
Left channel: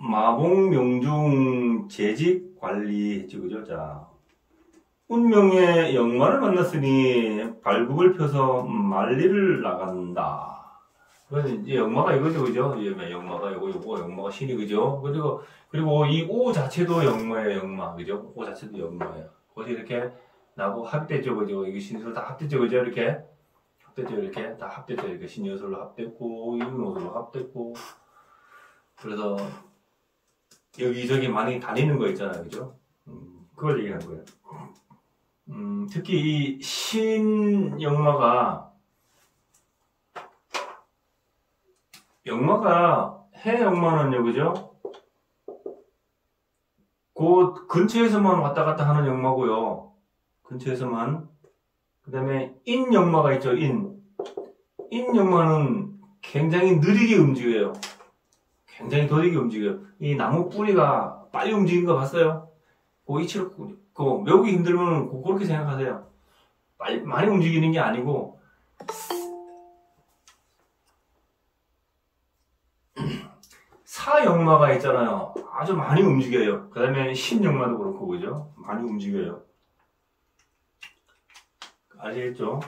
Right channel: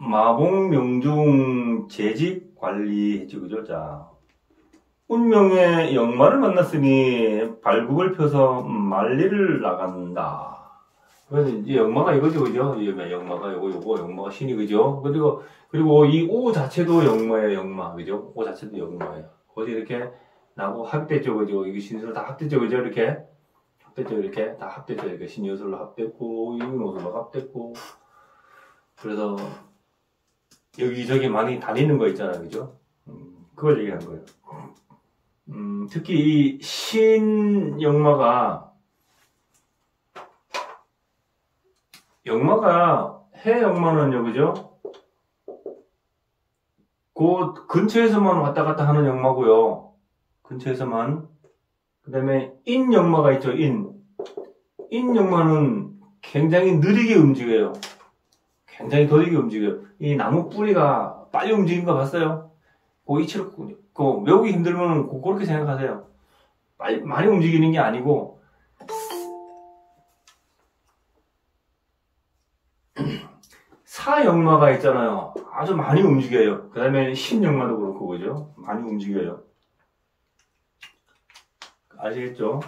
마봉명중 재직 관리했죠, 그죠? 자, 운명의 역마를 만났으니 발굽을 펴서 만리를 나간다. 이제 역마가 이거죠, 그죠? 역마가 요거 역마가 신이, 그죠? 그리고 이 오 자체도 역마예요, 역마, 그죠? 오 자체도 역마예요. 거기 이렇게 나고 합됐죠, 그죠? 이게 신수로 다 합됐죠, 그죠? 이렇게 합됐죠, 이렇게 다 합됐죠, 이렇게 신여술로 합됐고, 이문호술로 합됐고. 그래서 여기저기 많이 다니는 거 있잖아요, 그죠? 그걸 얘기하는 거예요. 특히 이 신역마가 해 역마는요, 그죠? 그 근처에서만 왔다 갔다 하는 역마고요. 근처에서만. 그 다음에 인 역마가 있죠, 인 역마는 굉장히 느리게 움직여요. 굉장히 더디게 움직여요. 이 나무 뿌리가 빨리 움직이는 거 봤어요? 그 이치로, 외우기 힘들면 그렇게 생각하세요. 많이 움직이는 게 아니고, 사역마가 있잖아요. 아주 많이 움직여요. 그 다음에 신역마도 그렇고, 그죠? 많이 움직여요. 아시겠죠?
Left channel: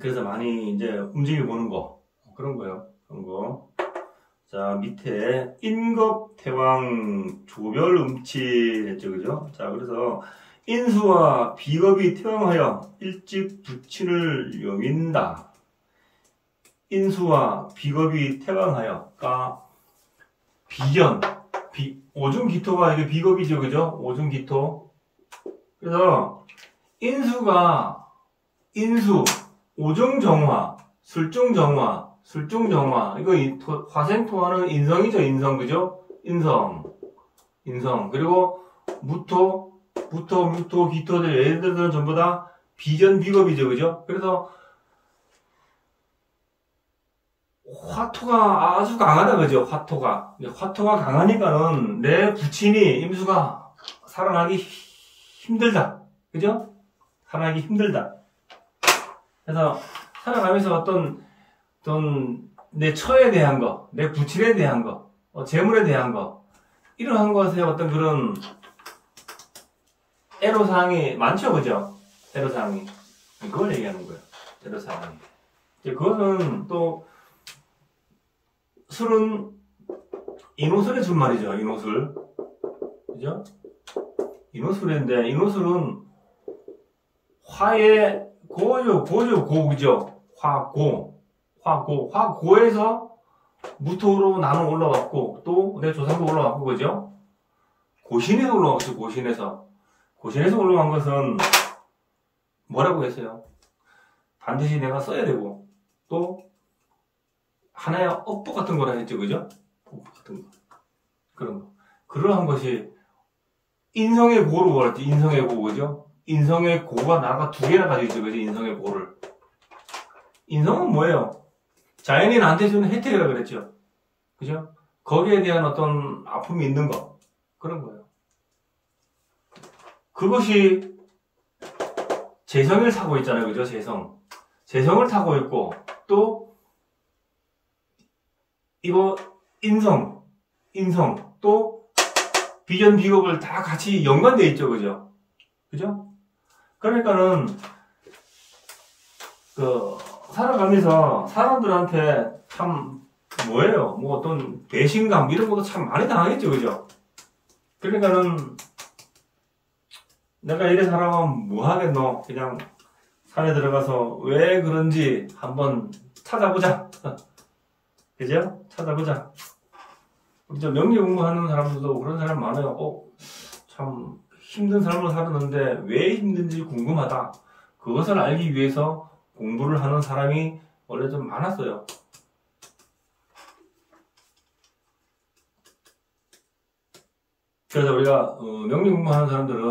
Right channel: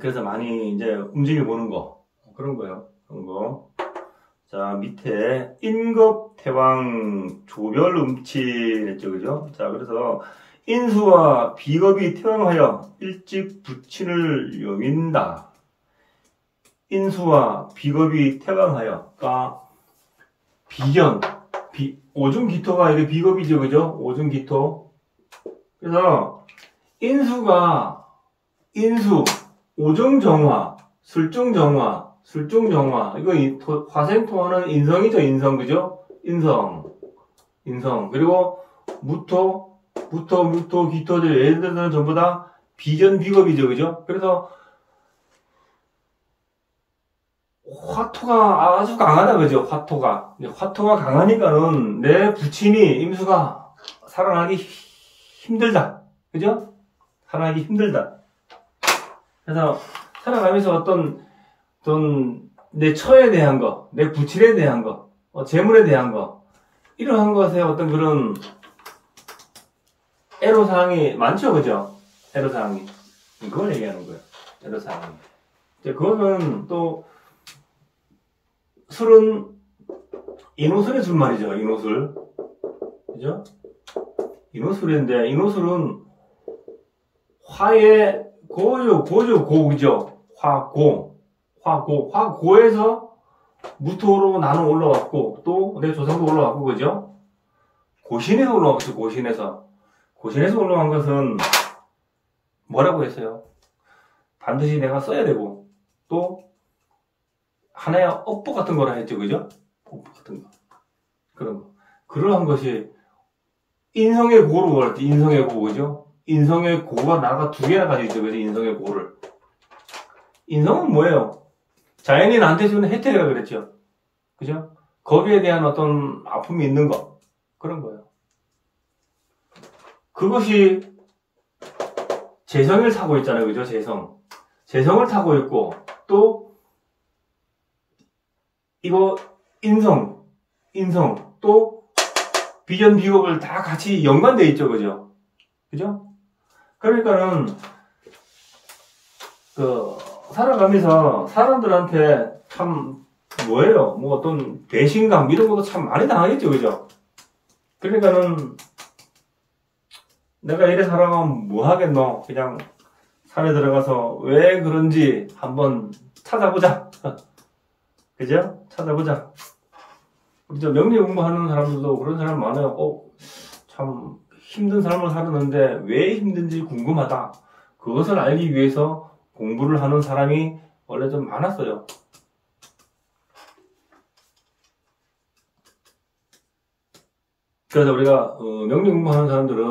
그래서 많이 이제 움직여 보는 거. 그런 거예요. 그런 거. 자, 밑에 인겁태왕 조별음치 했죠, 그죠? 자, 그래서 인수와 비겁이 태왕하여 일찍 부친을 여긴다. 인수와 비겁이 태왕하여, 그러니까 비견, 오중기토가 이게 비겁이죠, 그죠? 오중기토. 그래서 인수, 오중정화, 술중정화, 이거 화생토화는 인성이죠, 인성, 그죠? 인성. 그리고 무토, 기토들, 예를 들어서는 전부 다 비견, 비겁이죠, 그죠? 그래서 화토가 아주 강하다, 그죠? 화토가 강하니까는 내 부친이, 임수가 살아나기 힘들다, 그죠? 살아나기 힘들다. 그래서 살아가면서 어떤 내 처에 대한 거, 내 부친에 대한 거, 재물에 대한 거, 이러한 것에 어떤 그런 애로사항이 많죠, 그죠? 애로사항이. 그걸 얘기하는 거예요. 애로사항이. 그거는 또, 술은 인호술의 술 말이죠, 인호술. 그죠? 인호술인데, 인호술은 화의 고죠? 화고에서 무토로 나는 올라왔고, 또 내 조상도 올라왔고, 그죠? 고신에 올라왔죠, 고신에서 올라간 것은 뭐라고 했어요? 반드시 내가 써야 되고, 또 하나의 업보 같은 거라 했죠, 그죠? 업보 같은 거. 그런 거. 그러한 것이 인성의 고로 할 때 인성의 고, 그죠? 인성의 고가 나라가 두 개나 가지고 있죠. 그죠? 인성의 고를. 인성은 뭐예요? 자연이 나한테 주는 혜택이라 그랬죠. 그죠? 거기에 대한 어떤 아픔이 있는 거. 그런 거예요. 그것이 재성을 타고 있잖아요. 그죠? 재성을 타고 있고, 또, 이거, 인성, 또, 비전, 비옥을 다 같이 연관되어 있죠. 그죠? 그죠? 그러니까는, 살아가면서 사람들한테 참, 뭐예요? 뭐 어떤 배신감, 이런 것도 참 많이 당하겠죠. 그죠? 그러니까는, 내가 이래 살아가면 뭐 하겠노? 그냥 산에 들어가서 왜 그런지 한번 찾아보자. 그죠? 찾아보자. 우리 저 명리 공부하는 사람들도 그런 사람 많아요. 참 힘든 삶을 살았는데 왜 힘든지 궁금하다. 그것을 알기 위해서 공부를 하는 사람이 원래 좀 많았어요. 그래서 우리가 명리 공부하는 사람들은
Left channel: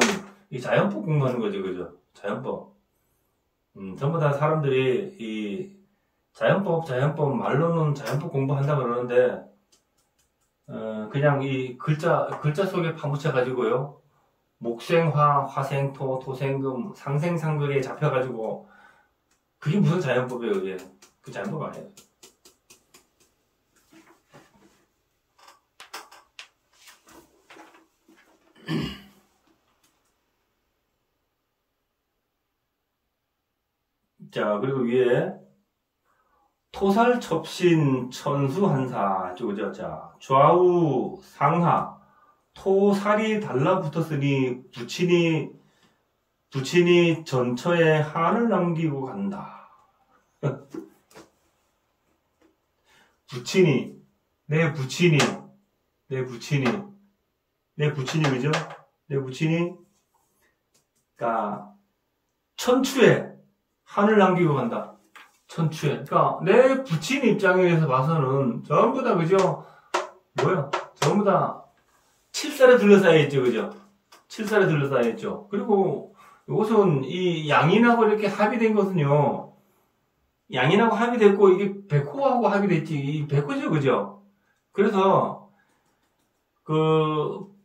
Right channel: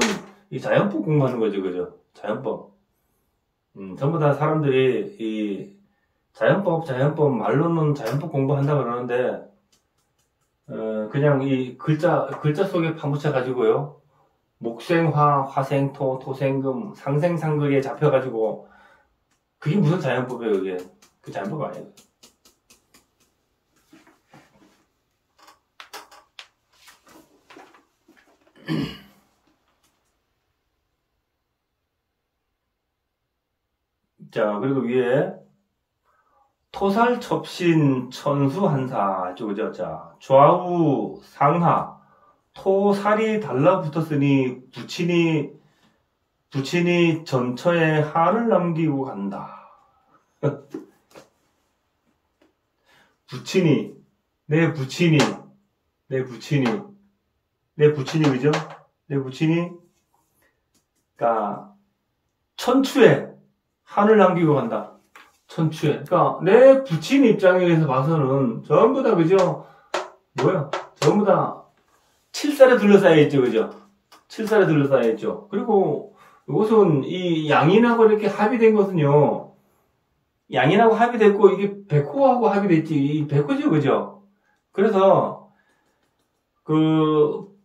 이 자연법 공부하는 거죠, 그죠? 자연법. 전부 다 사람들이 이 자연법 말로는 자연법 공부한다 그러는데, 그냥 이 글자 속에 파묻혀 가지고요. 목생화, 화생토, 토생금, 상생상극에 잡혀가지고, 그게 무슨 자연법이에요, 그게? 그 자연법 아니에요. 자, 그리고 위에 토살 첩신 천수 한사 그죠? 자, 좌우 상하 토살이 달라붙었으니 부친이 전처에 한을 남기고 간다. 내 부친이 그죠? 내 부친이 그러니까 천추에 한을 남기고 간다. 천추에. 그러니까 내 부친 입장에서 봐서는 전부 다 그죠? 뭐야? 전부 다 칠살에 둘러싸여 있죠, 그죠? 칠살에 둘러싸여 있죠. 그리고 이것은 이 양인하고 이렇게 합의된 것은요. 양인하고 합의됐고 이게 백호하고 합의됐지. 이 백호죠, 그죠? 그래서 그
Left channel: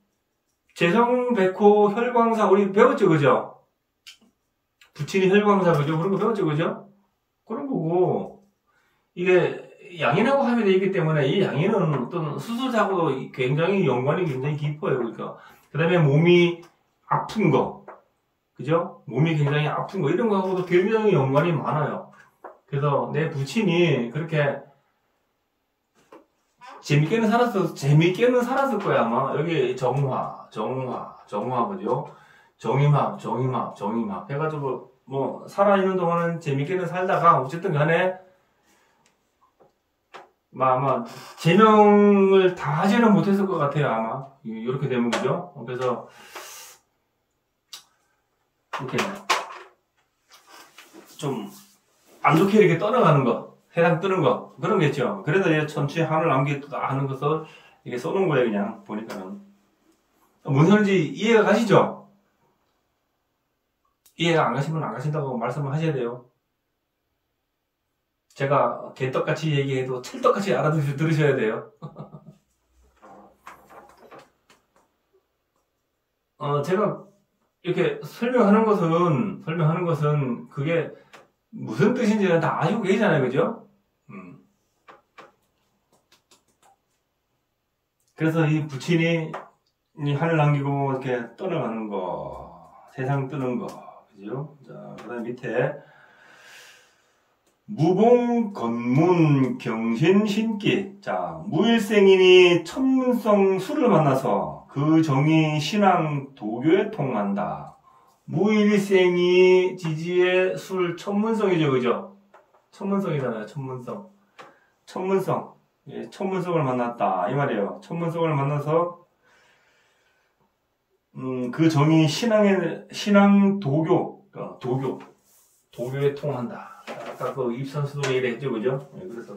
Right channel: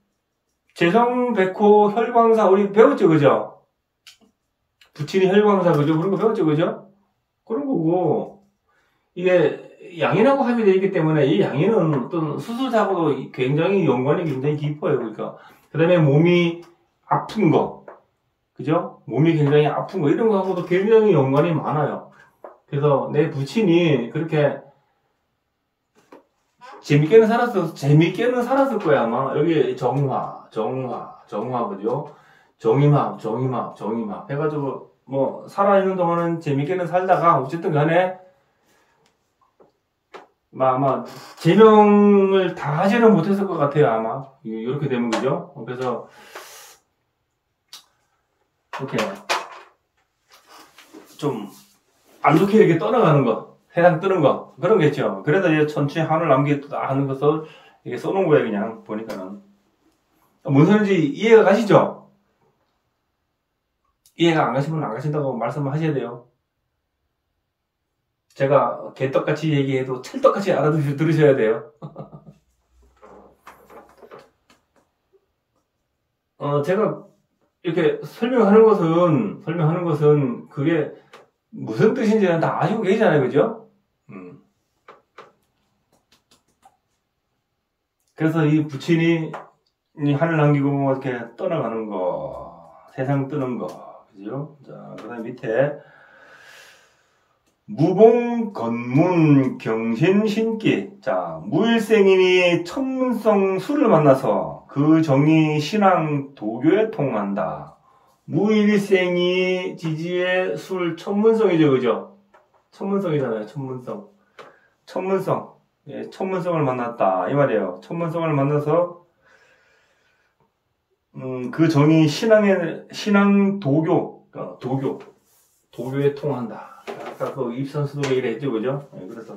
재성 백호 혈광사 우리 배웠죠, 그죠? 부친이 혈광사 그죠? 그런 거 배웠죠, 그죠? 그런 거고, 이게 양인하고 합의되어 있기 때문에 이 양인은 어떤 수술사고도 굉장히 연관이 굉장히 깊어요. 그러니까. 그 다음에 몸이 아픈 거. 그죠? 몸이 굉장히 아픈 거. 이런 거하고도 굉장히 연관이 많아요. 그래서 내 부친이 그렇게 재밌게는 살았을 거야, 아마. 여기 정화, 그죠? 정임합. 해가지고, 뭐, 살아있는 동안은 재밌게는 살다가, 어쨌든 간에, 아마, 제명을 다 하지는 못했을 것 같아요, 아마. 이렇게 되면, 그죠? 그래서, 이렇게, 좀, 안 좋게 이렇게 떠나가는 거, 해당 뜨는 거, 그런 게 있죠. 그래서 이제 천추에 한을 남기겠다 하는 것을, 이게 써놓은 거예요, 그냥, 보니까는. 뭔 소리인지 이해가 가시죠? 이해가 안 가시면 안 가신다고 말씀을 하셔야 돼요. 제가 개떡같이 얘기해도 찰떡같이 알아들으셔야 돼요. 제가 이렇게 설명하는 것은 그게 무슨 뜻인지는 다 아시고 계시잖아요, 그죠? 그래서 이 부친이 한을 남기고 이렇게 떠나가는 거, 세상 뜨는 거, 그죠? 자, 그 다음에 밑에 무봉, 건문, 경신, 신기. 자, 무일생인이 천문성 술을 만나서 그 정이 신앙, 도교에 통한다. 무일생이 지지의 술, 천문성이죠, 그죠? 천문성이잖아요, 천문성. 예, 천문성을 만났다. 이 말이에요. 천문성을 만나서, 그 정이 신앙, 도교에 통한다. 아까 그 입산수도에 이래 했죠, 그죠? 네, 그래서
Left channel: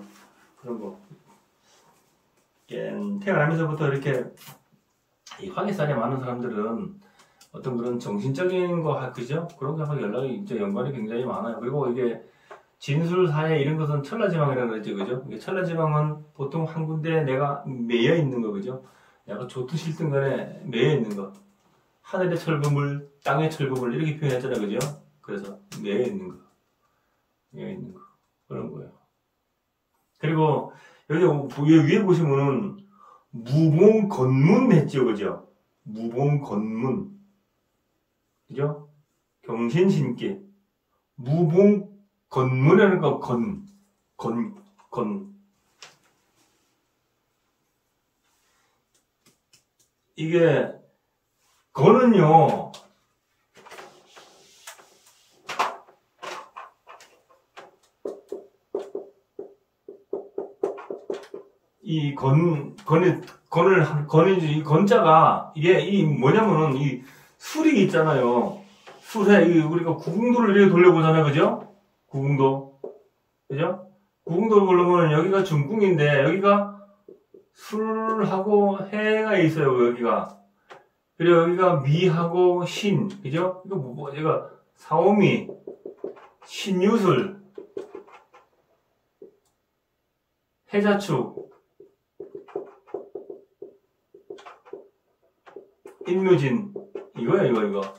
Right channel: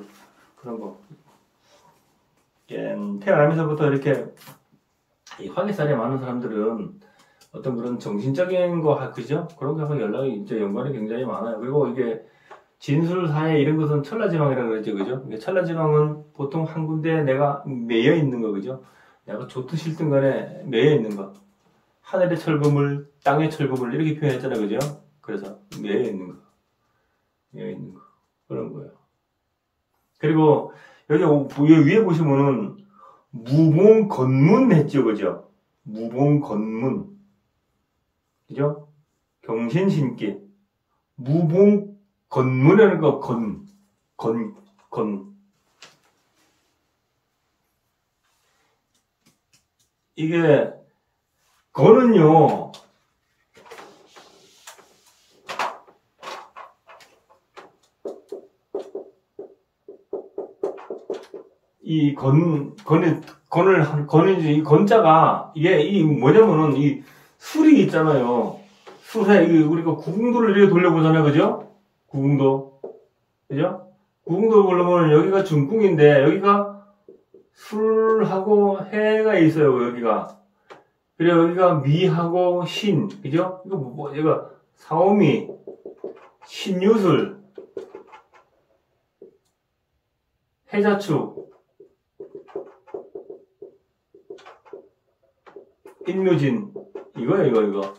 그런 거. 태어나면서부터 이렇게 이 화기살이 많은 사람들은 어떤 그런 정신적인 거, 그죠? 그런 거하고 연락이 이제 연관이 굉장히 많아요. 그리고 이게 진술사회 이런 것은 천라지방이라고 그러죠, 그죠? 천라지방은 보통 한 군데 내가 매여 있는 거, 그죠? 내가 좋든 싫든 간에 매여 있는 거. 하늘의 철금을, 땅의 철금을 이렇게 표현했잖아요, 그죠? 그래서 매여 있는 거. 매여 있는 거. 그런 거예요. 그리고 여기 위에 보시면은 무봉건문 했죠, 그죠? 무봉건문. 그죠? 경신신기. 무봉건문이라는 거, 건. 이게, 건은요, 이 이 건자가, 이게, 뭐냐면은, 이 술이 있잖아요. 술에, 우리가 구궁도를 이렇게 돌려보잖아요. 그죠? 구궁도. 그죠? 구궁도를 보려면 여기가 중궁인데, 여기가 술하고 해가 있어요. 여기가. 그리고 여기가 미하고 신. 그죠? 이거 얘가 사오미, 신유술, 해자축, 인묘진. 이거예요, 이거.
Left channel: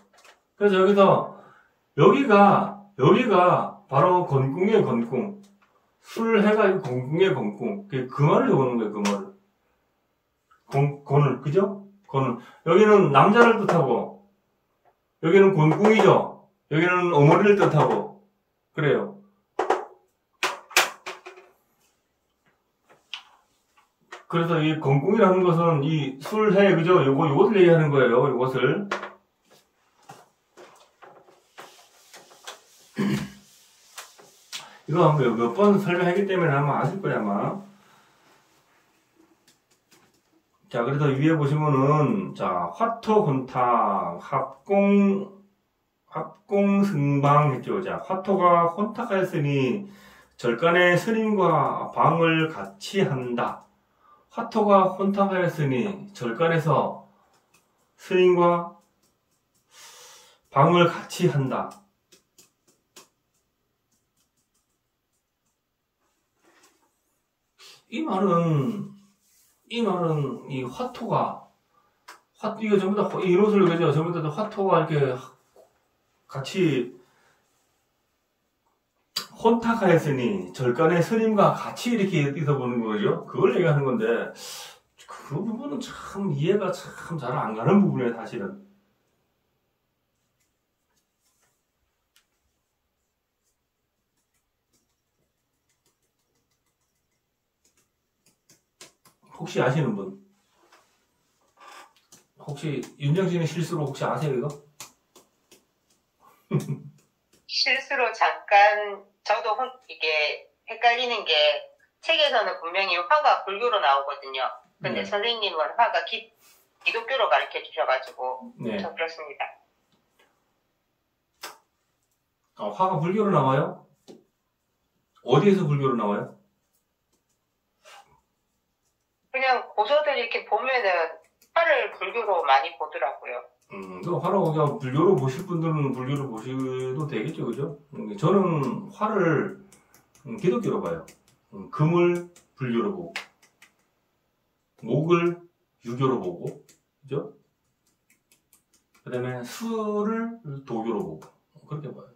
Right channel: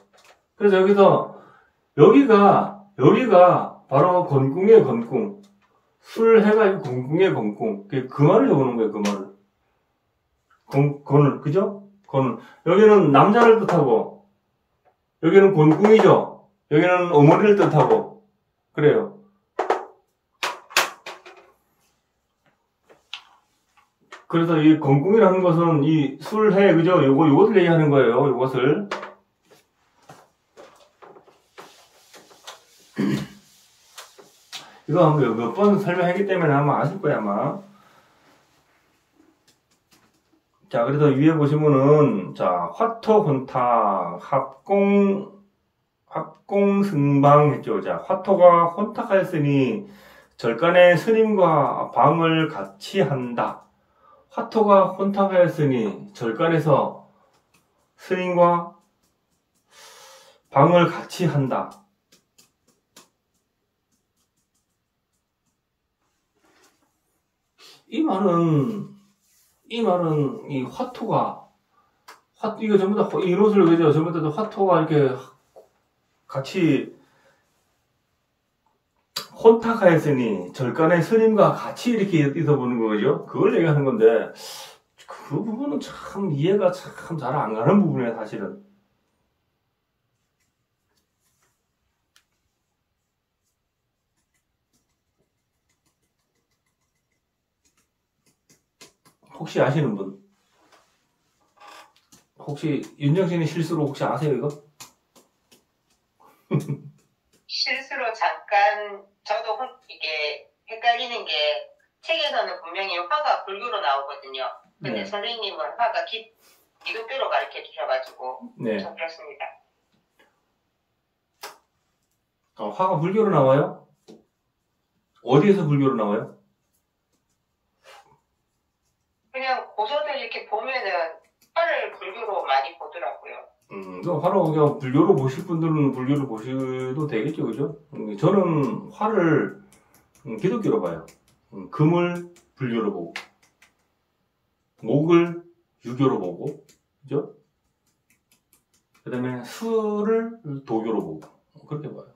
그래서 여기가 바로 건궁이에요, 건궁. 술해가 건궁이에요, 건궁. 그 말을 오는 거예요, 그 말을. 건을, 그죠? 건을. 여기는 남자를 뜻하고, 여기는 건궁이죠? 여기는 어머니를 뜻하고, 그래요. 그래서 이 건궁이라는 것은 이 술해, 그죠? 요것을 얘기하는 거예요, 요것을. 이거 몇 번 설명했기 때문에 아마 아실 거야, 아마. 자, 그래서 위에 보시면은, 자, 화토혼탁, 합공승방 했죠. 자, 화토가 혼탁하였으니, 절간에 스님과 방을 같이 한다. 화토가 혼탁하였으니, 절간에서 스님과 방을 같이 한다. 이 말은 이 화토가, 이거 전부 다, 이 옷을, 그죠? 전부 다 화토가 이렇게 같이 혼탁하였으니, 절간에 스님과 같이 이렇게 있어보는 거죠? 그걸 얘기하는 건데, 그 부분은 참 이해가 참 잘 안 가는 부분이에요, 사실은. 혹시 아시는 분? 혹시 윤정신의 실수로 혹시 아세요, 이거? 실수로 잠깐 저도 이게 헷갈리는 게 책에서는 분명히 화가 불교로 나오거든요. 근데 네. 선생님은 화가 기독교로 가르쳐 주셔가지고 네. 저 그렇습니다. 화가 불교로 나와요? 어디에서 불교로 나와요? 그냥 고서들 이렇게 보면은 화를 불교로 많이 보더라고요. 화를 그냥 불교로 보실 분들은 불교로 보셔도 되겠죠, 그죠? 저는 화를 기독교로 봐요. 금을 불교로 보고, 목을 유교로 보고, 그죠? 그 다음에 수를 도교로 보고, 그렇게 봐요.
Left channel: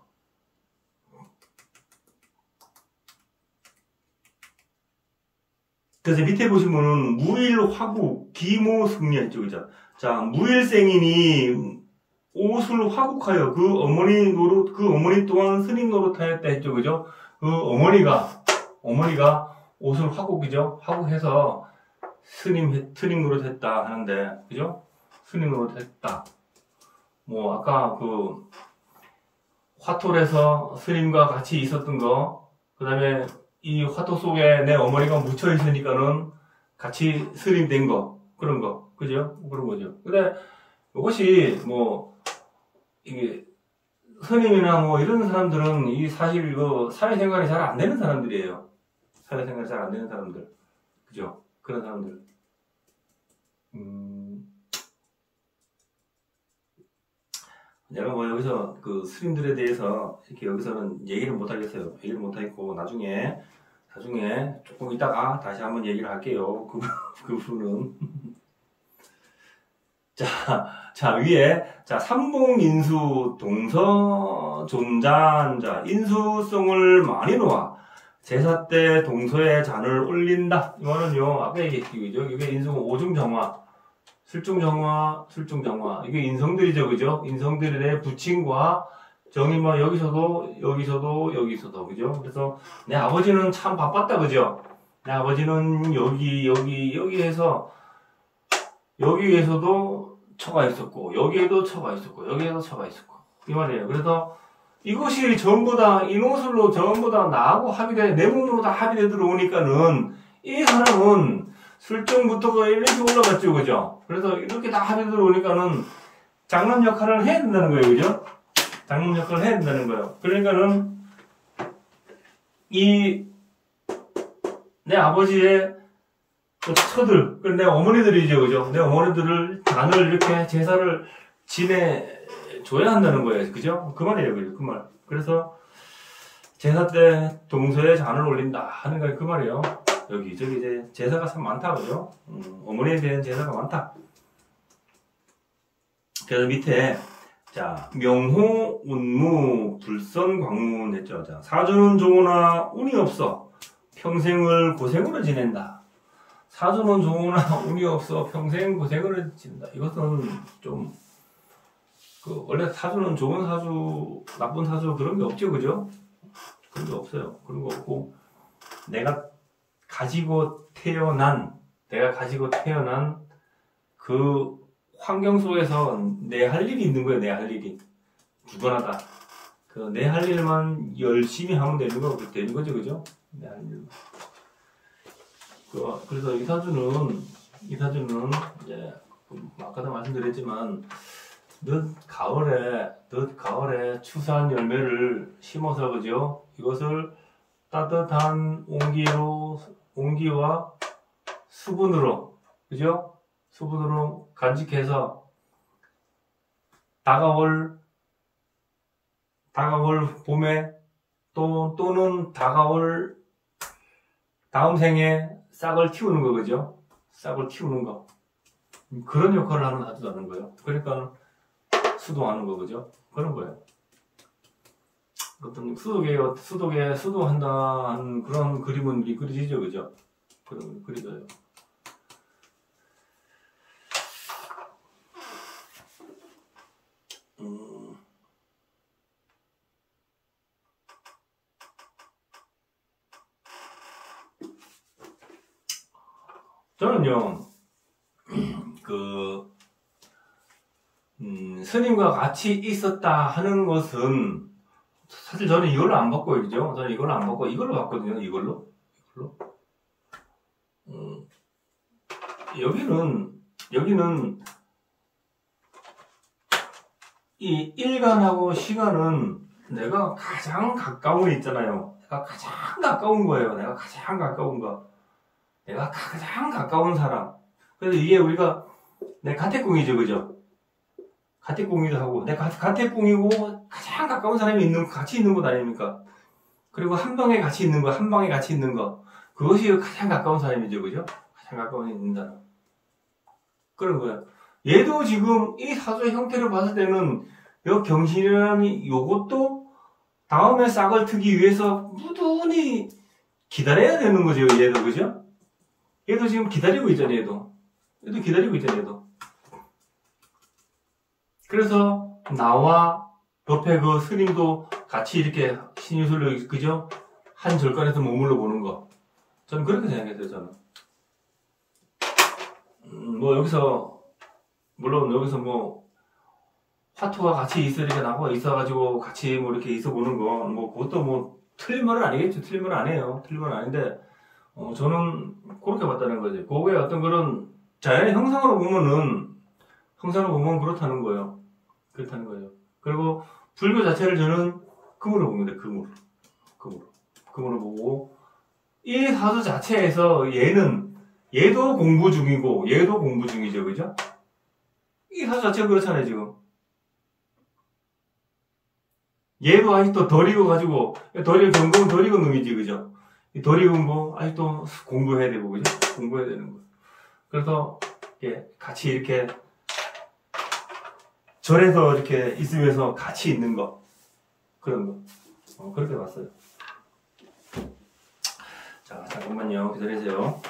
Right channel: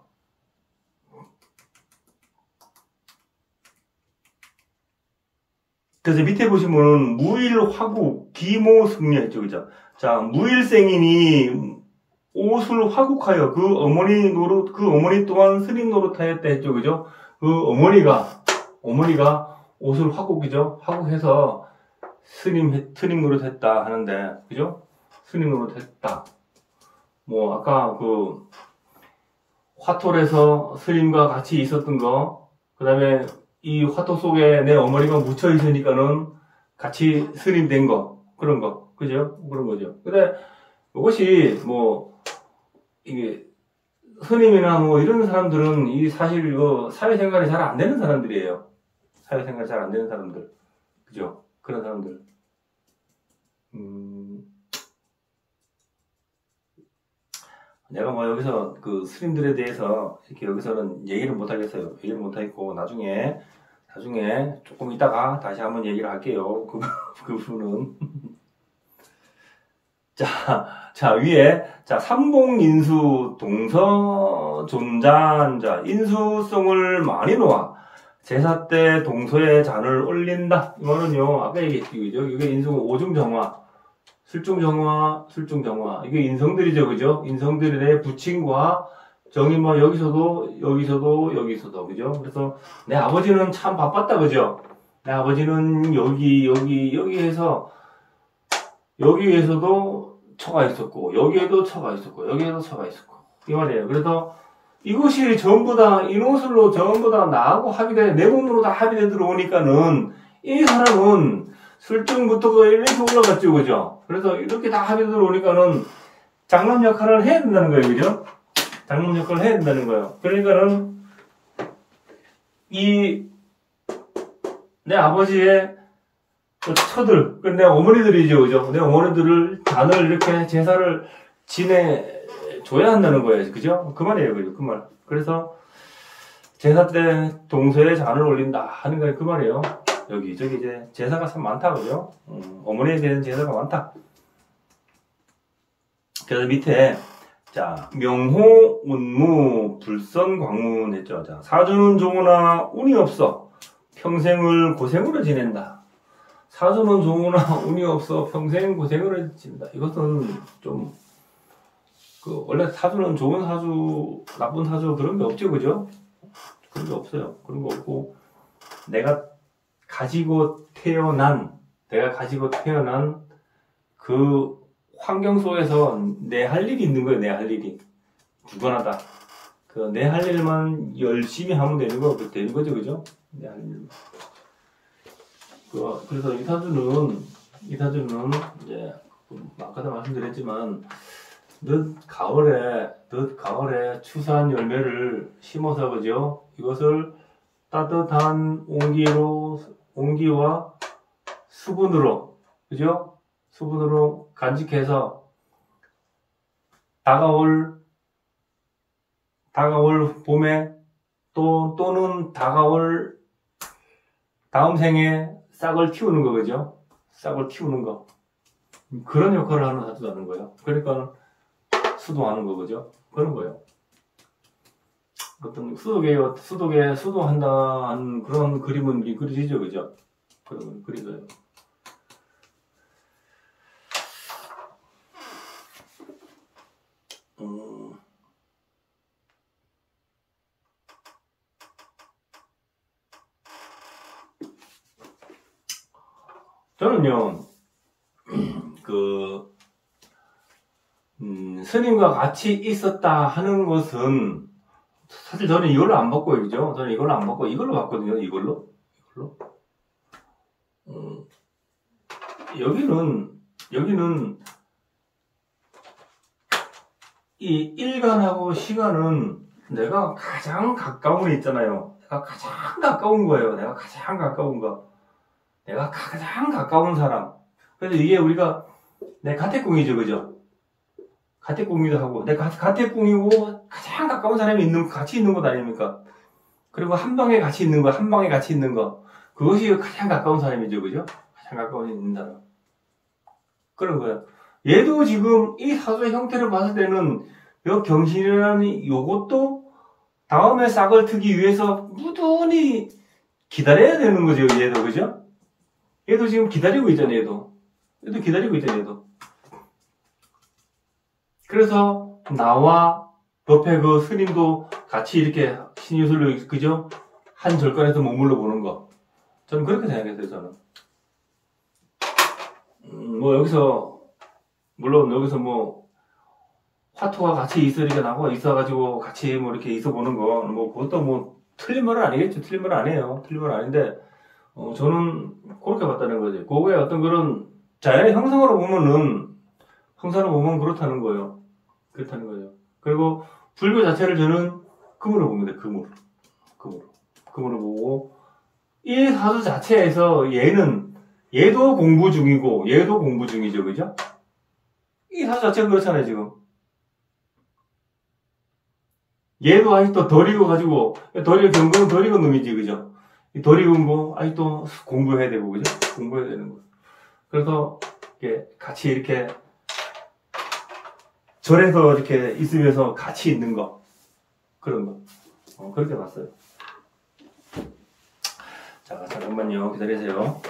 그래서 밑에 보시면은 무일화국 기모승리했죠, 그죠? 자, 무일생이니 옷을 화국하여 그 어머니 또한 스님 노릇하였다 했죠, 그죠? 그 어머니가 옷을 화국이죠? 화국해서 스님 노릇했다 하는데, 그죠? 스님 노릇했다. 뭐, 아까 화톨에서 스님과 같이 있었던 거, 그 다음에 이 화토 속에 내 어머니가 묻혀 있으니까는 같이 스님 된 거, 그런 거, 그죠? 그런 거죠. 근데 이것이 이게 스님이나 이런 사람들은 이 사실 사회생활이 잘 안 되는 사람들이에요. 사회생활이 잘 안 되는 사람들, 그죠? 그런 사람들. 내가 뭐 여기서 그 스님들에 대해서 이렇게 여기서는 얘기를 못 하겠어요. 얘기를 못 하겠고, 나중에 조금 이따가 다시 한번 얘기를 할게요. 그 부분은. 자, 위에, 삼봉인수 동서 존잔자, 인수성을 많이 놓아. 제사 때 동서에 잔을 올린다. 이거는요, 아까 얘기했죠. 이게 인수가 오중정화, 술중정화. 이게 인성들이죠, 그죠? 인성들의 부친과 정인만 여기서도, 그죠? 그래서 내 아버지는 참 바빴다, 그죠? 내 아버지는 여기에서도 처가 있었고, 여기에도 처가 있었고. 이 말이에요. 그래서 이것이 전부 다 인호술로 전부 다 나하고 합의돼, 내 몸으로 다 합의돼 들어오니까는 이 사람은 술증부터 이렇게 올라갔죠, 그죠? 그래서 이렇게 다 합의돼 들어오니까는 장남 역할을 해야 된다는 거예요, 그죠? 장남 역할을 해야 된다는 거예요. 그러니까는 내 아버지의 그 처들, 내 어머니들이죠, 그죠? 내 어머니들을 잔을 이렇게 제사를 지내줘야 한다는 거예요, 그죠? 그 말이에요, 그죠? 그 말. 그래서 제사 때 동서에 잔을 올린다 하는 거 그 말이에요. 여기저기 이제 제사가 참 많다, 그죠? 어머니에 대한 제사가 많다. 그래서 밑에, 명호, 운무, 불선, 광문 했죠. 사주는 좋으나 운이 없어. 평생을 고생으로 지낸다. 사주는 좋으나 운이 없어 평생 고생을 지낸다. 이것은 좀 원래 사주는 좋은 사주, 나쁜 사주 그런 게 없죠, 그죠? 그런 게 없어요. 그런 거 없고 내가 가지고 태어난 그 환경 속에서 내 할 일이 있는 거예요. 내 할 일이 부단하다. 내 할 일만 열심히 하면 되는 거죠, 그죠? 내 할 일만. 그래서 이 사주는 이제 아까도 말씀드렸지만 늦 가을에 추수한 열매를 심어서, 그죠? 이것을 따뜻한 온기와 수분으로, 그죠? 수분으로 간직해서 다가올 봄에 또는 다가올 다음 생에 싹을 틔우는 거, 그죠? 싹을 틔우는 거. 그런 역할을 하는 사주라는 거예요. 그러니까 수도하는 거, 그죠? 그런 거예요. 어떤 수도한다는 그런 그림은 그리시죠, 그죠? 그런 그리져요. 저는요, 스님과 같이 있었다 하는 것은, 사실 저는 이걸로 안 봤고요, 그죠? 저는 이걸로 안 봤고, 이걸로 봤거든요, 이걸로. 여기는, 이 일간하고 시간은 내가 가장 가까운 게 있잖아요. 내가 가장 가까운 거예요. 내가 가장 가까운 사람. 그래서 이게 우리가, 내 가택궁이죠, 그죠? 가택궁이기도 하고, 내가 가택궁이고, 가장 가까운 사람이 같이 있는 것 아닙니까? 그리고 한 방에 같이 있는 거. 그것이 가장 가까운 사람이죠, 그죠? 가장 가까운 있는 사람. 그런 거예요. 얘도 지금 이 사주의 형태를 봤을 때는, 이 병신이라는 요것도 다음에 싹을 트기 위해서 무던히 기다려야 되는 거죠, 얘도, 그죠? 얘도 지금 기다리고 있잖아요, 얘도 기다리고 있잖아요, 얘도. 그래서 나와 옆에 그 스님도 같이 이렇게 신유술로, 그죠? 한 절간에서 머물러 보는 거. 저는 그렇게 생각했어요, 저는. 물론 여기서 화토가 같이 있으니까 나와 있어가지고 같이 이렇게 있어보는 거, 그것도 틀린 말은 아니겠죠. 틀린 말은 아니에요. 틀린 말은 아닌데, 저는 그렇게 봤다는 거지. 그거의 어떤 그런 자연의 형상으로 보면 그렇다는 거예요. 그리고 불교 자체를 저는 금으로 봅니다. 금으로 보고, 이 사주 자체에서 얘는 얘도 공부 중이고, 얘도 공부 중이죠, 그죠? 이 사주 자체가 그렇잖아요, 지금. 얘도 아직도 덜 익어가지고, 경금은 덜 익은 놈이지, 그죠? 덜 익은 거, 아직도 공부해야 되고, 그죠? 공부해야 되는 거. 그래서, 같이 이렇게, 절에서 이렇게 있으면서 같이 있는 거. 그런 거. 그렇게 봤어요. 자, 잠깐만요. 기다리세요.